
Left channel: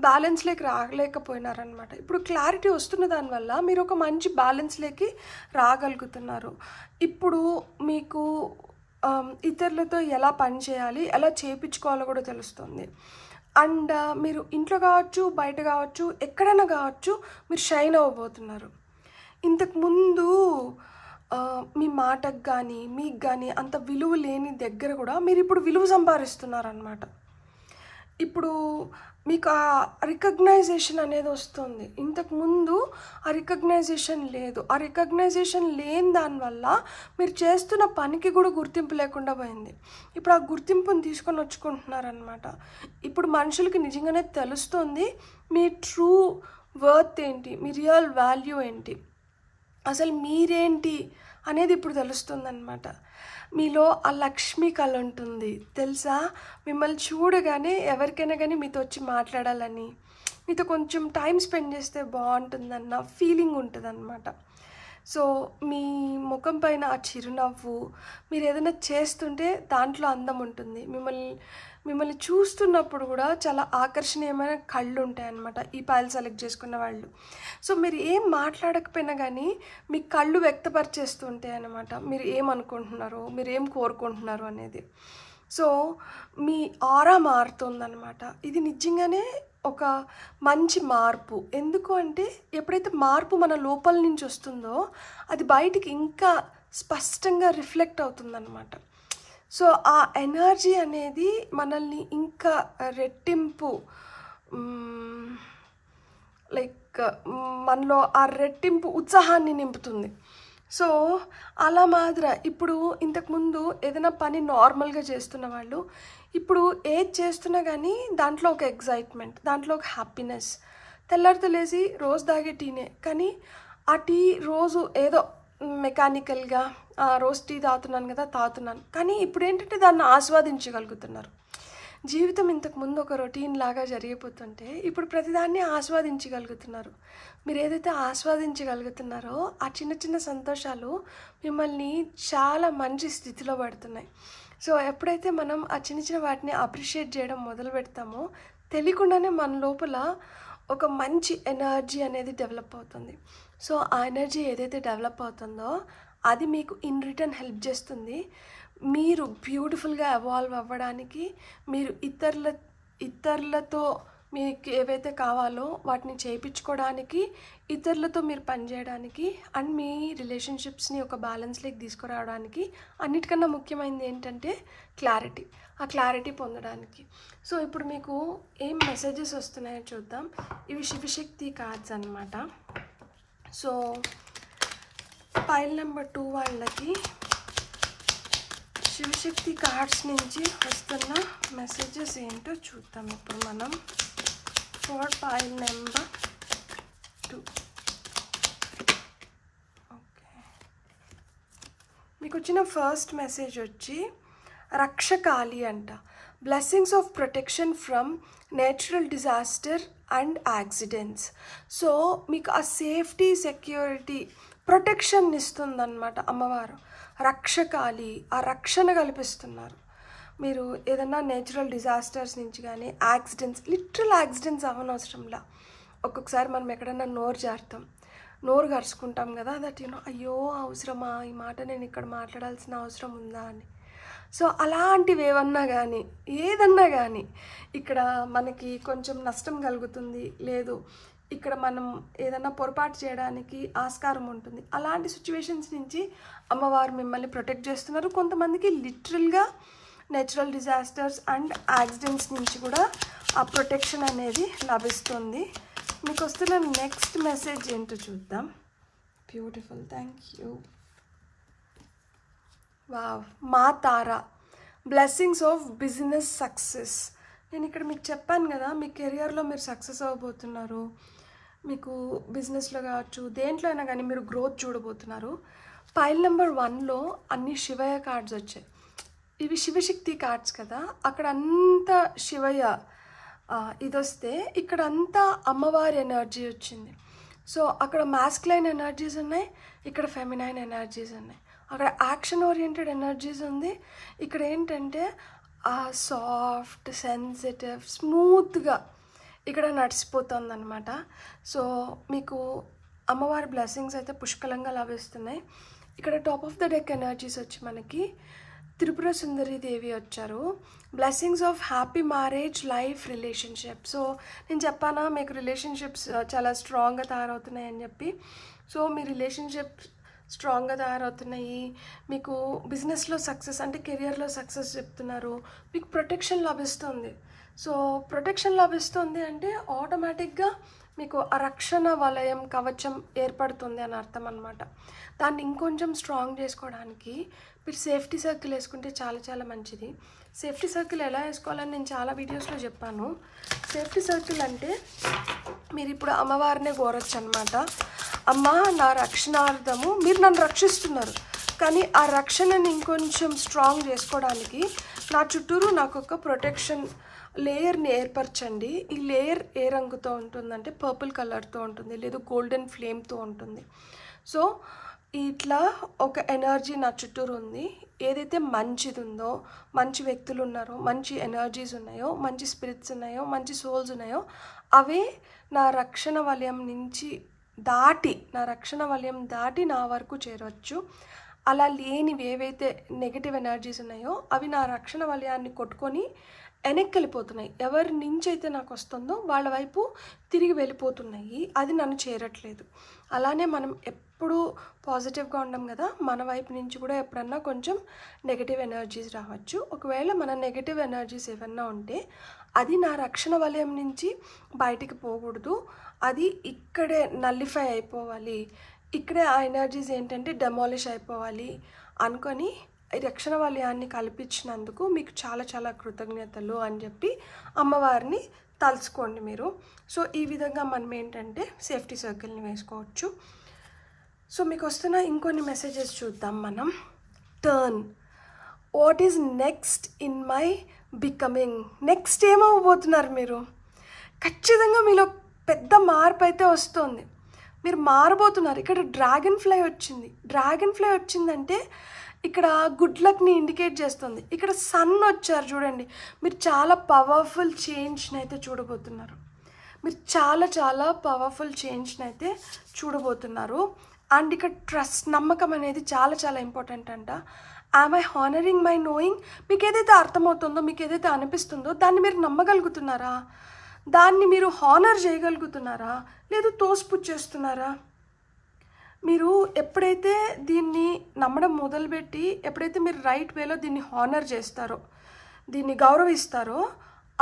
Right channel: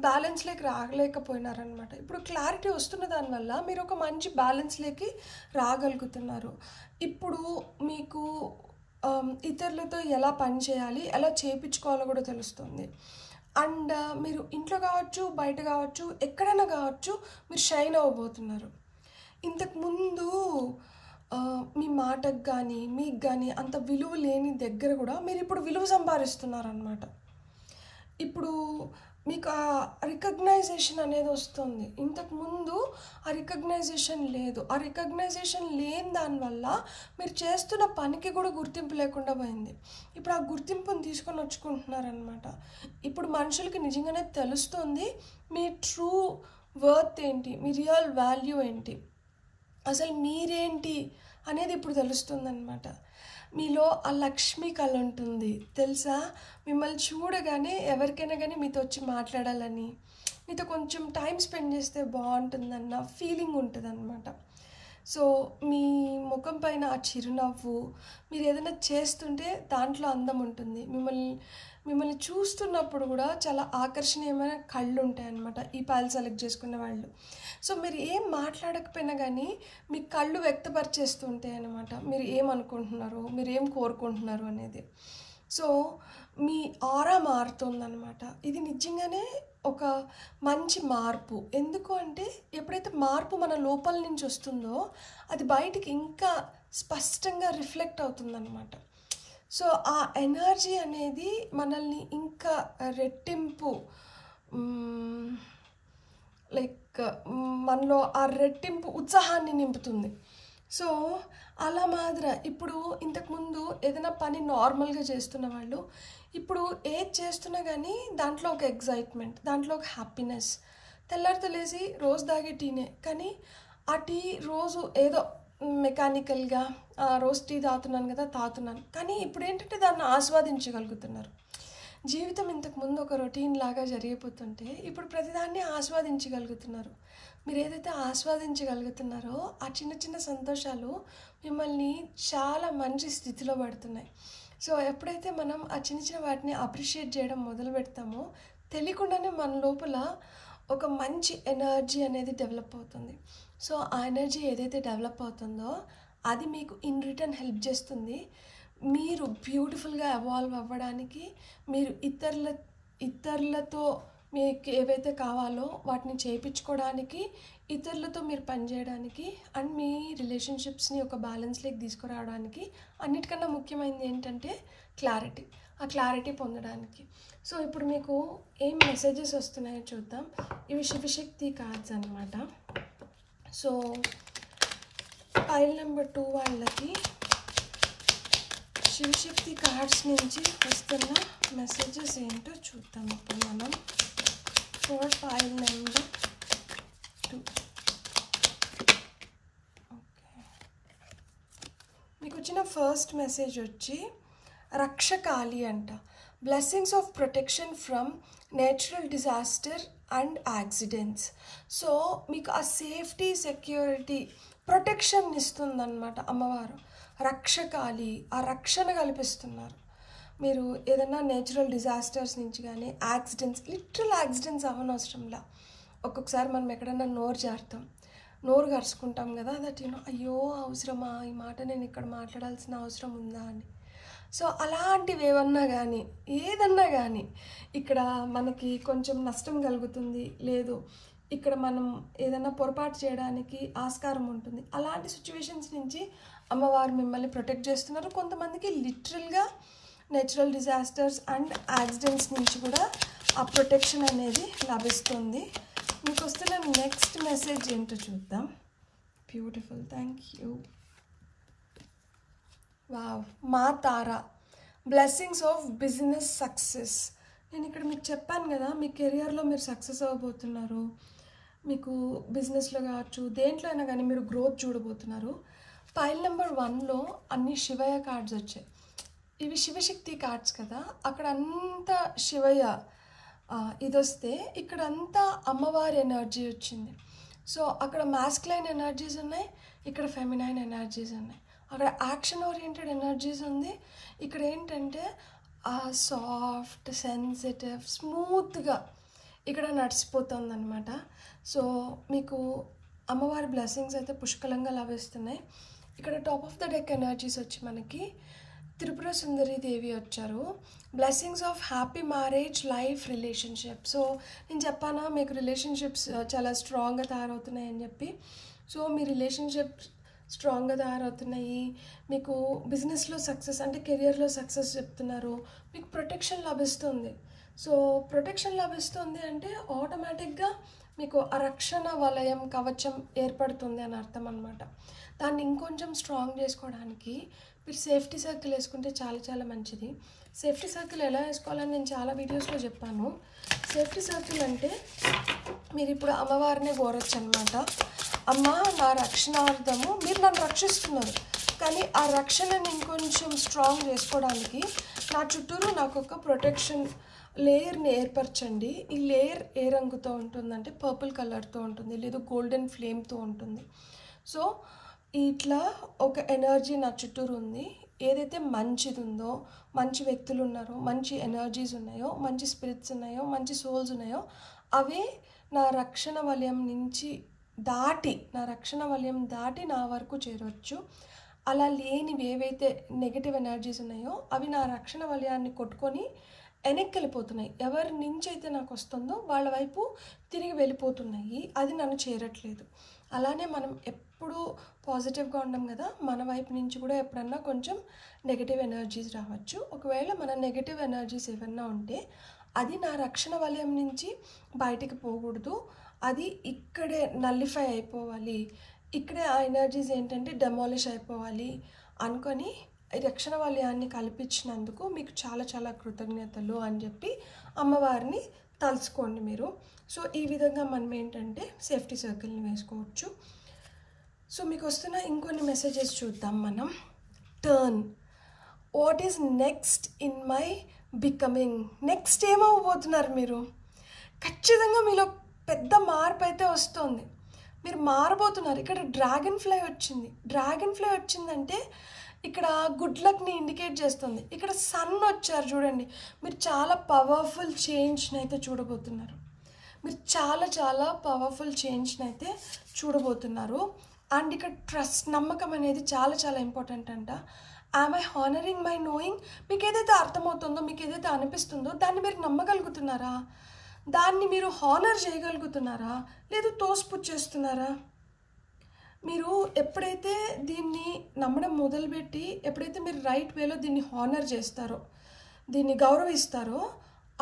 బ్యాలెన్స్లోకి రాలేకపోయినారనమాట. ఇప్పుడు క్లారిటీ వస్తున్న దానివల్ల మీరు ఒక మంచి బ్యాలెన్స్లోకి రాగలుగుతున్నారు. ఇప్పుడు మీకు ఇతరులతో ఎలా పని చేయాలి, ఎలా చేయించుకోవాలో కూడా తెలుస్తుంది. అండ్ మీరు ఇంట్లో కావచ్చు, బయట కావచ్చు, ఎక్కడైనా కావచ్చు, మీరు షైన్ అవ్వబోతున్నారు. ఇంతకుముందు మీ మాటకు కానీ మీకు కానీ అంత విలువ లేని దగ్గర కూడా మీరు ఇప్పుడు విలువ సంపాదిస్తున్నారనమాట. ఇప్పుడు మీకు ఆ రికగ్నైజేషన్ అనేది వస్తుంది. ఇంతకుముందు ఆ రికగ్నైజేషన్ లేదు. ఆ రికగ్నైజేషన్ లేని దానివల్ల మీరు చేస్తున్న పనికి కూడా గుర్తింపు లేకుండా పోయింది. ఇప్పుడు ఆ గుర్తింపుని తీసుకొని వచ్చుకుంటున్నారనమాట. ఇప్పుడు మనుషులకి నిజంగానే తెలుస్తుంది మీ ట్రూ వర్త్ ఏంటి, మీ రియల్ వాల్యూ ఏంటి, అసలు మీరేంటి అనేది ఇప్పుడు తెలుస్తుందన్నమాట. మీలో ఆ లక్ష్మి కళ ఉంటుంది తెలుసా. మిమ్మల్ని చూడగానే ఎవరికైనా కానీ మీతో వచ్చి మాట్లాడాలని, మీతో కొంచెం టైం స్పెండ్ చేస్తే బాగుంటుందన్న ఫీలింగ్ ఉంటుంది అన్నమాట. సో మీ ముఖం పైన ఆ చిరునవ్వు, మీరు ఏదైనా చేస్తుంటే దాంట్లో అందం ఉంటుంది. మిమ్మల్ని చూస్తున్నప్పుడు కూడా చాలా ఆకర్షణీయమైన కళ్ళు ఉంటాయి అన్నమాట ఈ పైల్ సెలెక్ట్ చేసుకున్న వాళ్ళు. సో మీరు ఏం మాట్లాడకపోయినా కానీ మీ కళ్ళు వ్యక్తపరిచేస్తూ ఉంటాయి అన్నమాట. మీరు ఏమనుకుంటున్నారు, మీరు ఏం కోరుకుంటున్నారు అనేది. సో మీ ఆరా మారుతుందన్నమాట. ఇది నిజంగానే ఒక మంచి మార్పు. ఎందుకు అంటే ఎప్పుడైతే మార్పు మన లోపల నుంచి వస్తుందో అది బయటికి ఇంకా స్పష్టంగా రిఫ్లెక్ట్ అవుతుందన్నమాట. సో ఆ ఎనర్జీ అనేది మనల్ని ఇంకా రెట్టింపు, లైక్ మనలో ఆ రెట్టింపు ఉత్సాహాన్ని నింపుతుంది. సో అలా మాదిర ఇప్పుడు ఇంతకుముందు ఏదైనా పని నార్మల్గా చేస్తున్న వాళ్ళు ఇప్పుడు ఏది చేస్తున్నా కానీ దాంట్లో ఒక ఎగ్జైట్మెంట్, దాంట్లో ఒక హ్యాపీనెస్. తెల్లారితో లేచి రోజు తాగే టీనే, కానీ ఆ టీ రోజు ఏదో మెకానికల్గా రోజు టీ తాగుతున్నాను కదా తాగుతున్నాను, కానీ ఇప్పుడు ఏంటంటే దాన్ని ఆస్వాదించగలుగుతున్నారు. జీవితం ఇంతకుముందు ఒక రొటీన్ లాగా జరిగిపోతుంటే ఇప్పుడు ప్రతిదాన్ని ఆస్వాదించగలుగుతున్నారు. మీరు ఏదైతే ఆస్వాదించగలుగుతున్నారో ఆ చిన్న చిన్న సంతోషాలు మిమ్మల్ని చాలా మంచి స్థితిలో పడుతున్నాయి. సో ఎప్పుడైతే మనం ఆ చిన్న చిన్న వాటిని అప్రిషియేట్ చేయడం మొదలు పెడతామో తెలియకుండానే మన లోపల ఒక మంచి ఎనర్జీ అనేది డెవలప్ అవుతుంది. సో ఆ ఎనర్జీ ఏదైతే డెవలప్ అవుతుందో అది మీకు ఇన్ రిటర్న్ హెల్ప్ చేస్తుంది మీరు బ్యూటిఫుల్గా ఎవాల్వ్ అవ్వడానికి, మీరు ఇతరులతో మీకు ఏవైతే కావాలో వాటిని చేయించుకోవడానికి, ఇతరులతో మీరు పనిచేయడానికి, అండ్ మీ రిలేషన్షిప్స్ని ఒక బ్యాలెన్స్లోకి తీసుకురావడానికి. అన్నిటికన్నా ముఖ్యమైనది ఏంటంటే క్లారిటీ. ఆ క్లారిటీ పొందడానికి. సో ఇప్పుడు మీకు ఏం మెసేజెస్ వస్తున్నాయో చూద్దాం. ఇవి శివశక్తి కార్డ్స్ అన్నమాట. సో పైల్ నెంబర్ 2 వాళ్ళకి శివశక్తి కార్డ్స్ నుంచి వస్తున్న మెసేజెస్ ఏంటో చూద్దాం ఇప్పుడు మనం. ఫర్ పైల్ నెంబర్ 2 ఓకే, మీకు వచ్చిన ఫస్ట్ మెసేజ్ వచ్చి రక్షకాలి అంట. Blessings of protection from natural disaster and accidents. So మీకు ఆ సేఫ్టీ, సెక్యూరిటీ, ప్రొటెక్షన్ ఇస్తుందన్నమాట అమ్మవారు. రక్షకాలి, ఆ రక్షణ కల్పిస్తున్నారు. మీరు ఏదన్నా నేచురల్ డిజాస్టర్స్ నుంచి కానీ యాక్సిడెంట్స్, లిటరల్ యాక్సిడెంట్స్ అవ్వనవసరంలా. ఒక్కొక్కసారి మనం ఎక్కడన్నా నోరు జారుతాం, నోరు కరుచుకుంటాం కదా, దట్ అయ్యో అవసరమా ఈ మాట, నేను ఇక్కడ మాట్లాడాల్సిన అవసరం ఉందా అని. సో అలాంటివి ఏమన్నా కానీ ఏదన్నా కానీ ఇక్కడ మనకి కొంచెం నష్టం కలుగుతుంది, లేదు ఇక్కడ మనం ఏదన్నా పొరపాటు చేయడానికి ఆస్కారం ఉంటుంది. అలాంటి సిచ్యువేషన్స్ నుంచి అమ్మవారు మిమ్మల్ని ప్రొటెక్ట్ చేస్తున్నారు. కొంతమందికి లిటరల్గా నేచురల్ డిజాస్టర్స్ అండ్ యాక్సిడెంట్స్ నుంచి కూడా ఆ ప్రొటెక్షన్ అనేది లభిస్తుంది. మీకు వస్తున్న నెక్స్ట్ మెసేజ్ ఏంటో చూద్దాం. Beautiful, thank you. వావ్, మా తారా, బ్లెస్సింగ్స్ ఆఫ్ బిజినెస్ సక్సెస్. నేను ఇక్కడ మీకు చెప్పాను కదా, మీ కెరియర్లో మీరు సక్సెస్ అవ్వబోతున్నారు. మీకు బిజినెస్లో కావచ్చు, దేంట్లో అయినా కానీ మీరు గ్రోత్ చూడబోతున్నారు. పైల్ నెంబర్ 1లో అన్ని శివయ్య కార్డ్స్ వచ్చాయి. ఇవి శివశక్తి కార్డ్స్ కదా, అక్కడ అంతా శివయ్య ఇది వస్తే ఇక్కడ అంతా అమ్మవారి ఎనర్జీ వచ్చింది. సో అక్కడ మాస్కులైన్ ఎనర్జీస్ ఉన్నాయి, ఇక్కడ ఫెమినైన్ ఎనర్జీస్ ఉన్నాయి. అక్కడ యాక్షన్ ఓరియంటెడ్ ఎనర్జీస్ ఉంది, ఇక్కడ ఏంటంటే ఆ సాఫ్ట్ సెన్సిటివ్ స్మూత్గా ఇక్కడ నడిచిపోతుంది అనమాట. సో మీకు అమ్మవారి బ్లెస్సింగ్స్ అయితే పుష్కలంగా లభిస్తున్నాయి. ఇక్కడ top of the deck energies వచ్చి మనకి త్రిపుర సుందరి దేవి వచ్చారు. Blessings of happy marriage, life, relationship. So నేను చెప్పానా మీకు రిలేషన్షిప్స్ చాలా స్ట్రాంగ్గా తయారవుతున్నాయి అని చెప్పి. సో మీ రిలేషన్షిప్ స్ట్రాంగ్గా తయారవుతున్నాయి. మీకు బిజినెస్లో సక్సెస్ అంటే కెరియర్లో సక్సెస్ చెప్తున్నారు. మీకు ప్రొటెక్షన్ లభిస్తుంది. సో ప్రొటెక్షన్ లభిస్తుంది అంటే ఆటోమేటిక్గా మీకు ఆ రక్షణ వలయం కవచం ఏర్పడుతుంది అని అర్థం అనమాట. దాన్ని ఇంకొంచెం స్ట్రాంగ్ చేసుకోవడానికి మీరు సేఫ్టీ సర్కిల్ వేసుకుంటే చాలా చాలా మంచిది. సేఫ్టీ సర్కిల్ ఎలా వేసుకోవాలని నేను చాలా వీడియోస్లో చెప్పాను. సేఫ్టీ సర్కిల్ అంటే మీరు ఇప్పుడు అమ్మవారినే కోరొచ్చు అనమాట. అమ్మ, నా రక్షణార్థము మీరు నన్ను రక్షిస్తున్నారు, కానీ ఆ రక్షణని ఇంకొంచెం స్ట్రాంగ్ చేసుకోవడానికి నా చుట్టూరు నాకు ఒక ప్రొటెక్షన్ లేయర్ని ఏర్పరచండి. ఈ లేయర్ ఏ రంగుతో ఉంటుందంటే పర్పుల్ కలర్తో ఉంటుంది, లేదు గోల్డెన్ ఫ్లేమ్తో ఉంటుంది. సో ఇట్లా ఒక ఎనర్జీ నా చుట్టూరు ఉంది. ఏదైతే మంచిది ఉందో, మంచి వ్యక్తులు ఉన్నారో, మంచి ఎనర్జీస్ ఉన్నాయో, మంచి స్పిరిట్స్ ఉన్నాయో, మంచి సోల్స్ ఉన్నాయో, అవే నా రక్షణ వలయం నుంచి దాటి నా వరకు చేరవచ్చు. అలా లేనివి ఏవైతే నెగిటివ్ ఎనర్జీస్ ఉన్నాయో అవి నా రక్షణ వలయాన్ని కొట్టుకొని వెనక్కి వెళ్ళిపోతున్నాయి. ఎవరి నుంచి అయితే నాకు వస్తుందో వాళ్ళ వైపు తిరిగి వెళ్ళిపోతున్నాయి, అది నన్ను చేరట్లేదు. అలానే మనం ఎప్పుడూ పాజిటివ్గా ఉండం కదా, మన వైపు నుంచి కూడా ఎప్పుడన్నా కొంచెం నెగిటివ్ ఎనర్జీస్ రావచ్చు. ఒకవేళ మన నెగిటివ్ ఎనర్జీస్ ఏమన్నా ఉంటే అది నా రక్షణ వలయం నుంచి బయటికి పోకూడదు, అది ఇక్కడే నల్లిఫై అయిపోవాలి, ఇక్కడే ఆ ఎనర్జీస్ ఏంటంటే డెమాలిష్ అయిపోవాలి అనుకొని ఈ రక్షణ వలయాన్ని కల్పించినందుకు మీకు చాలా చాలా కృతజ్ఞతలు అని చెప్పి అమ్మవారిని తలుచుకోండి మీరు. సో ఈ విధంగా మనం ఏంటంటే సేఫ్టీ సర్కిల్ని వేసుకోవచ్చు. సో మీకు వస్తున్న ఇంకొన్ని మెసేజెస్ చూద్దాం మనం. Turn, what is next in my becoming. Next ఏమవ్వబోతున్నారు మీరు? ఖచ్చితంగా మీలో పెద్ద మార్పు అయితే వస్తుంది, మీరు మారబోతున్నారు. ఇక్కడ డ్రాగన్ ఫ్లై వచ్చింది. డ్రాగన్ ఫ్లై వచ్చిందంటే ఇక్కడ గుడ్ లక్ని ఇండికేట్ చేస్తుంది. ఇక్కడ సన్ వచ్చారు చూడండి, మీరు చాలా పవర్ఫుల్ చేంజ్ని అయితే చూడబోతున్నారు. మీరు చాలా చాలా పవర్ఫుల్ చేంజ్ని అయితే చూడబోతున్నారు. అండ్ ఇక్కడ ట్రస్ట్, నమ్మకం అనేది చాలా చాలా ఇంపార్టెంట్ అంట. Am I honouring my knowing. మీకు ఏదైతే అర్థమవుతుందో, మీకు ఏదైతే అనిపిస్తుందో దాన్ని మీరు నమ్మగలుగుతున్నారా? దాన్ని మీరు హానర్ చేయగలుగుతున్నారా? లేదు తోసిపుచ్చేస్తున్నారా? మీరు ఎప్పుడైతే దీన్ని నమ్మడం మొదలుపెట్టి, ఎప్పుడైతే మీరు రైట్ వేలో దీన్ని హానర్ చేస్తారో, దీన్ని గౌరవిస్తారో,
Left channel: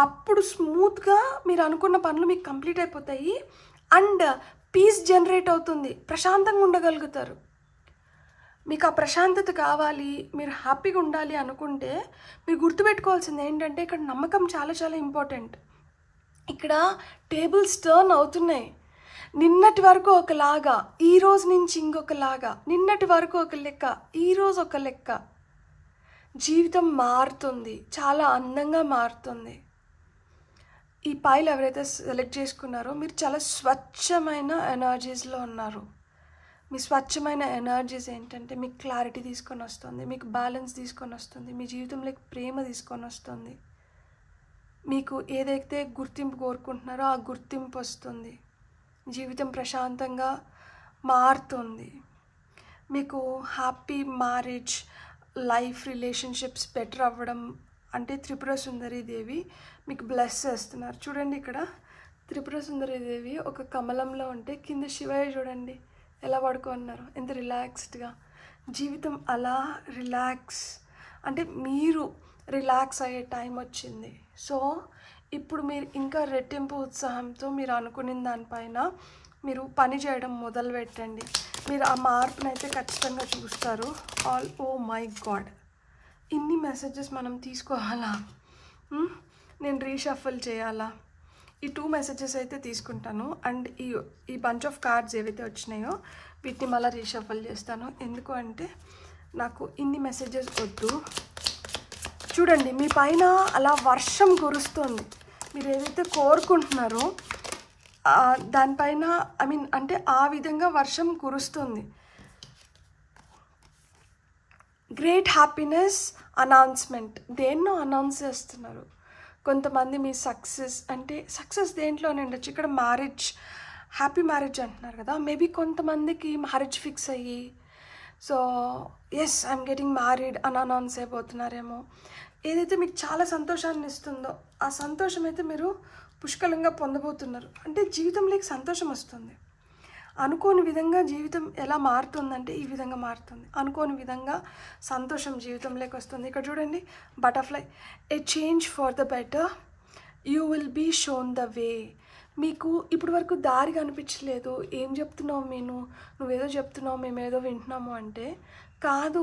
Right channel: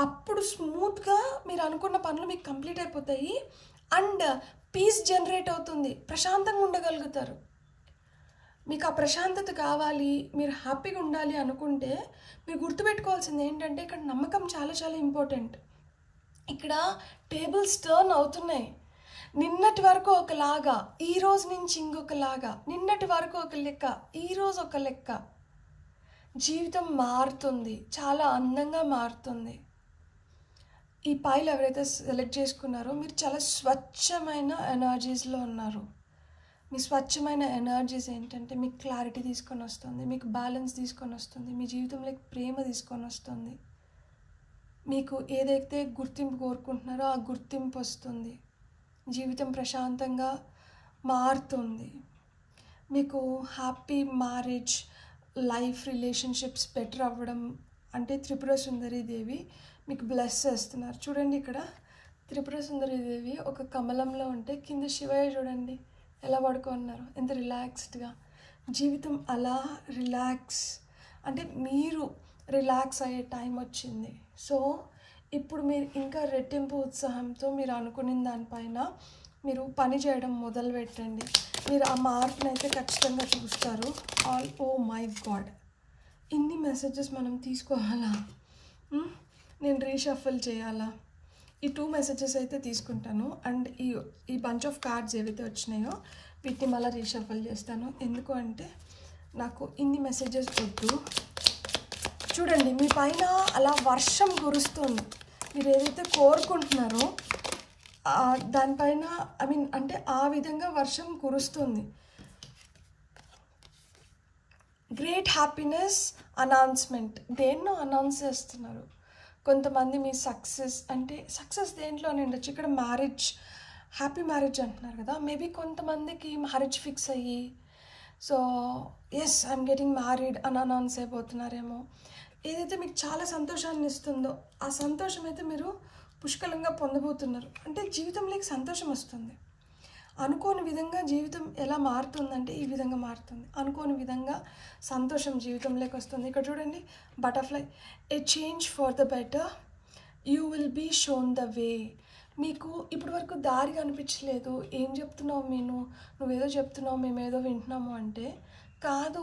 అప్పుడు స్మూత్గా మీరు అనుకున్న పనులు మీకు కంప్లీట్ అయిపోతాయి. అండ్ పీస్ జనరేట్ అవుతుంది, ప్రశాంతంగా ఉండగలుగుతారు. మీకు ఆ ప్రశాంతత కావాలి, మీరు హ్యాపీగా ఉండాలి అనుకుంటే మీరు గుర్తుపెట్టుకోవాల్సింది ఏంటంటే ఇక్కడ నమ్మకం చాలా చాలా ఇంపార్టెంట్. ఇక్కడ టేబుల్స్ టర్న్ అవుతున్నాయి. నిన్నటి వరకు ఒకలాగా, ఈ రోజు నుంచి ఇంకొకలాగా. నిన్నటి వరకు ఒక లెక్క, ఈరోజు ఒక లెక్క. జీవితం మారుతుంది, చాలా అందంగా మారుతుంది. ఈ పైలు ఎవరైతే సెలెక్ట్ చేసుకున్నారో మీరు చాలా స్వచ్ఛమైన ఎనర్జీస్లో ఉన్నారు. మీ స్వచ్ఛమైన ఎనర్జీస్ ఏంటంటే మీకు క్లారిటీ తీసుకొని వస్తుంది, మీకు బ్యాలెన్స్ తీసుకొని వస్తుంది, మీ జీవితంలోకి ప్రేమ తీసుకొని వస్తుంది. మీకు ఏదైతే గుర్తింపు కోరుకుంటున్నారో ఆ గుర్తింపు వస్తుంది. జీవితం ప్రశాంతంగా మారుతుంది. మీకు happy marriage, life, relationships better అవ్వడం అంటే త్రిపుర సుందరి దేవి మీకు బ్లెస్ చేస్తున్నారు. చూడండి, ఇక్కడ త్రిపుర సుందరి దేవి ఒక కమలంలో ఉంటే కింద శివయ్య చూడండి ఎలా పడుకున్నారు, ఎంత రిలాక్స్డ్గా. జీవితం అలా రిలాక్స్ అంటే మీరు రిలాక్స్ అయ్యే టైం వచ్చింది. సో ఇప్పుడు మీరు ఇంకా రెట్టింపు ఉత్సాహంతో మీరు అనుకున్న దానిపైన మీరు పని చేయడం మొదలు పెట్టండి. మీరు ఆ మార్పును అయితే ఖచ్చితంగా చూస్తారు. ఓ మై గాడ్, ఇన్ని మెసేజెస్ మనం తీసుకోవాలా? నేను రీషఫల్ చేయాలా? ఈ 2 మెసేజెస్ అయితే తీసుకుంటాను. అండ్ ఈ బంచ్ ఆఫ్ కార్డ్స్ ఏవైతే వచ్చినాయో వీటిని మళ్ళీ రీషఫల్ చేస్తాను. ఎందుకు అంటే నాకు ఇన్ని మెసేజెస్ వద్దు. చూడండి, మీ పైన అలా వర్షం కురుస్తుంది. మీరు ఏదైతే కోరుకుంటున్నారో దానిపైన అంటే ఆ విధంగా వర్షం కురుస్తుంది. Great happiness announcement. దేన్నో అనౌన్స్ చేస్తున్నారు కొంతమంది. మీ సక్సెస్ అంటే సక్సెస్ దేంట్లోనే ఉండొచ్చు. ఇక్కడ మ్యారేజ్, హ్యాపీ మ్యారేజ్ అంటున్నారు కదా. మేబీ కొంతమందికి మ్యారేజ్ ఫిక్స్ అయ్యి so yes I'm getting married అని అనౌన్స్ అయిపోతున్నారేమో. ఏదైతే మీకు చాలా సంతోషాన్ని ఇస్తుందో ఆ సంతోషం అయితే మీరు పుష్కలంగా పొందబోతున్నారు. అంటే జీవితంలోకి సంతోషం వస్తుంది. అనుకోని విధంగా జీవితం ఎలా మారుతుందంటే ఈ విధంగా మారుతుంది. అనుకోని విధంగా సంతోషం జీవితంలోకి వస్తుంది. ఇక్కడ చూడండి, butterfly. A change for the better, you will be shown the way. మీకు ఇప్పటి వరకు దారి కనిపించలేదు. ఏం చెప్తున్నావు నువ్వేదో చెప్తున్నావు, మేమేదో వింటున్నాము అంటే కాదు.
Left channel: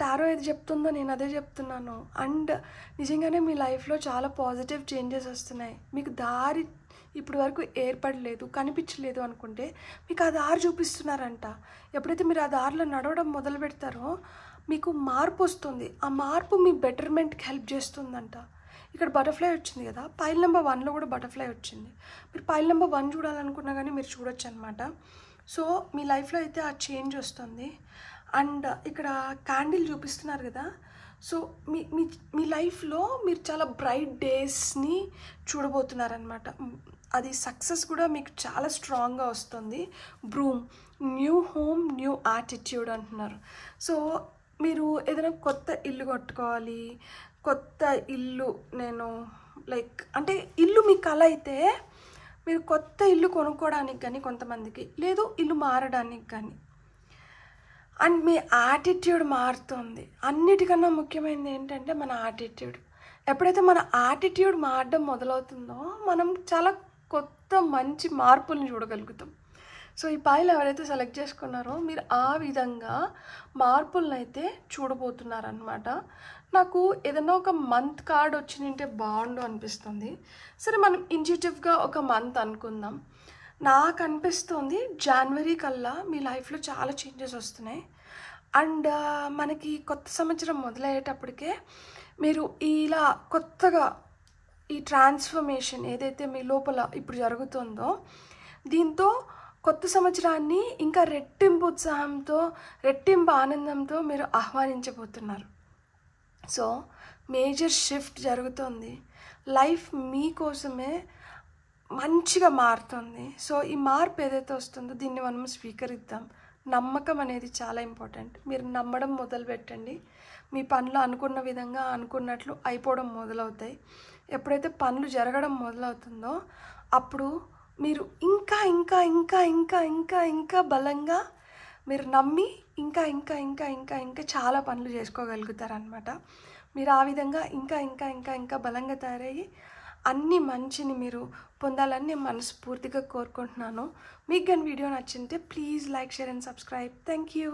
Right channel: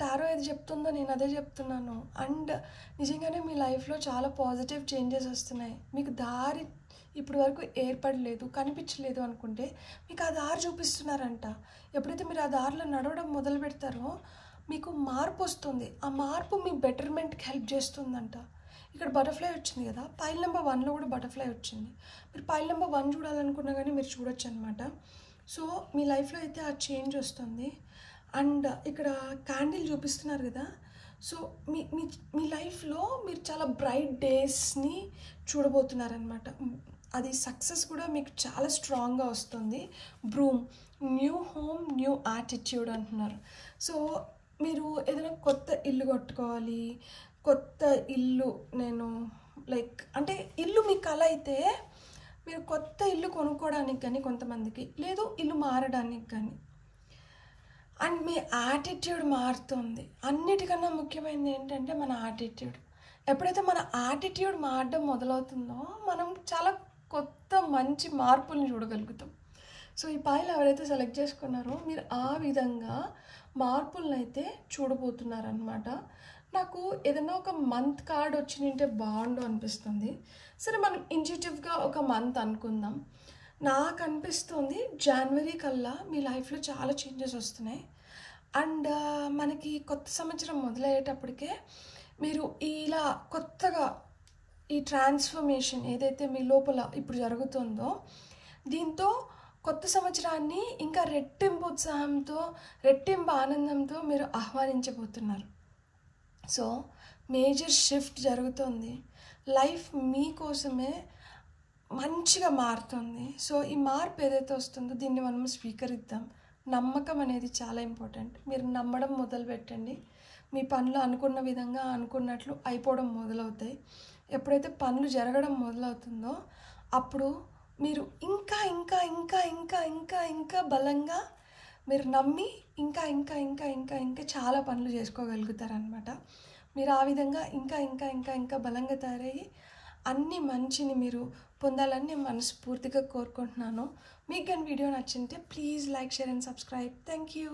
టారో ఏది చెప్తుందో నేను అదే చెప్తున్నాను. అండ్ నిజంగానే మీ లైఫ్లో చాలా పాజిటివ్ చేంజెస్ వస్తున్నాయి. మీకు దారి ఇప్పటి వరకు ఏర్పడలేదు, కనిపించలేదు అనుకుంటే మీకు ఆ దారి చూపిస్తున్నారంట. ఎప్పుడైతే మీరు ఆ దారిలో నడవడం మొదలు పెడతారో మీకు మార్పు వస్తుంది. ఆ మార్పు మీ బెటర్మెంట్కి హెల్ప్ చేస్తుందంట. ఇక్కడ బటర్ఫ్లై వచ్చింది కదా, పైల్ నెంబర్ 1లో కూడా బటర్ఫ్లై వచ్చింది. మీరు పైల్ నెంబర్ 1 చూడాలనుకున్నా కానీ మీరు చూడొచ్చు అనమాట. సో మీ లైఫ్లో అయితే ఆ చేంజ్ వస్తుంది. అండ్ ఇక్కడ క్యాండిల్ చూపిస్తున్నారు కదా. సో మీ మీ మీ లైఫ్లో మీరు చాలా బ్రైట్ డేస్ని చూడబోతున్నారనమాట. అది సక్సెస్ కూడా మీకు చాలా స్ట్రాంగ్గా వస్తుంది. Broom, new home, new attitude అంటున్నారు. సో మీరు ఏదైనా కొత్త ఇల్లు కట్టుకోవాలి, కొత్త ఇల్లు నేను లైక్ అంటే ఇల్లు మీ కల అయితే మీరు కొత్త ఇల్లు కొనుక్కోవడానికి కానీ కొంతమందికి, లేదు ఇల్లు మారడానికి కానీ. అండ్ మీ యాటిట్యూడ్ మారుతుంది. అన్నిటికన్నా ముఖ్యమైనది ఏంటంటే మన యాటిట్యూడ్. ఎప్పుడైతే మన యాటిట్యూడ్ మారడం మొదలవుతుందో మనం చాలా కొత్త మంచి మార్పుల్ని చూడగలుగుతాం. సో ఈ పైలు ఎవరైతే సెలెక్ట్ చేసుకున్నారో మీరు ఆ విధంగా మార్పులను అయితే చూడబోతున్నారనమాట. నాకు ఏదైనా ఒక మంత్ కార్డ్ వచ్చిందంటే బాగుండు అనిపిస్తుంది. సరే మనం ఇంట్యూటివ్గా ఒక మంత్ అనుకుందాం. నాకు అనిపిస్తుంది జనవరి కల్లా మీ లైఫ్లో చాలా చేంజెస్ వస్తున్నాయి. అండ్ మనకి కొత్త సంవత్సరం మొదలయ్యేటప్పటికే మీరు ఇలా కొత్తగా ఈ ట్రాన్స్ఫర్మేషన్ ఏదైతే మీ లోపల ఇప్పుడు జరుగుతుందో దీంతో కొత్త సంవత్సరాన్ని ఇంకా రెట్టింపు ఉత్సాహంతో, రెట్టింపు ఆనందంతో మీరు ఆహ్వానించబోతున్నారు. సో మేజర్ షిఫ్ట్ జరుగుతుంది. లైఫ్ మీకోసమే మంచిగా మారుతుంది. సో ఈ మార్పు ఏదైతే వస్తుందో దీన్ని మనం స్వీకరిద్దాం. నమ్మకం అనేది చాలా ఇంపార్టెంట్. మీరు నమ్మడం మొదలు పెట్టండి. మీ పనులు అనుకున్న విధంగా అనుకున్నట్లు అయిపోవడం మొదలవుతాయి. ఎప్పుడైతే పనులు జరగడం మొదలవుతుందో అప్పుడు మీరు ఇంకా ఇంకా ఇంకా ఇంకా ఇంకా ఇంకా బలంగా మీరు నమ్మి ఇంకా ఇంకా ఇంకా ఇంకా ఇంకా చాలా పనులు చేసుకోగలుగుతారనమాట. మీరు ఆ విధంగా ఇంకా ఇంకా ఇంకా ఇంకా బలంగా తయారయ్యి అన్ని మంచిని మీరు పొందాలని నేను మనస్ఫూర్తిగా కోరుకుంటున్నాను. మీకు కానీ వీడియో నచ్చింటే please like, share and subscribe. Thank you.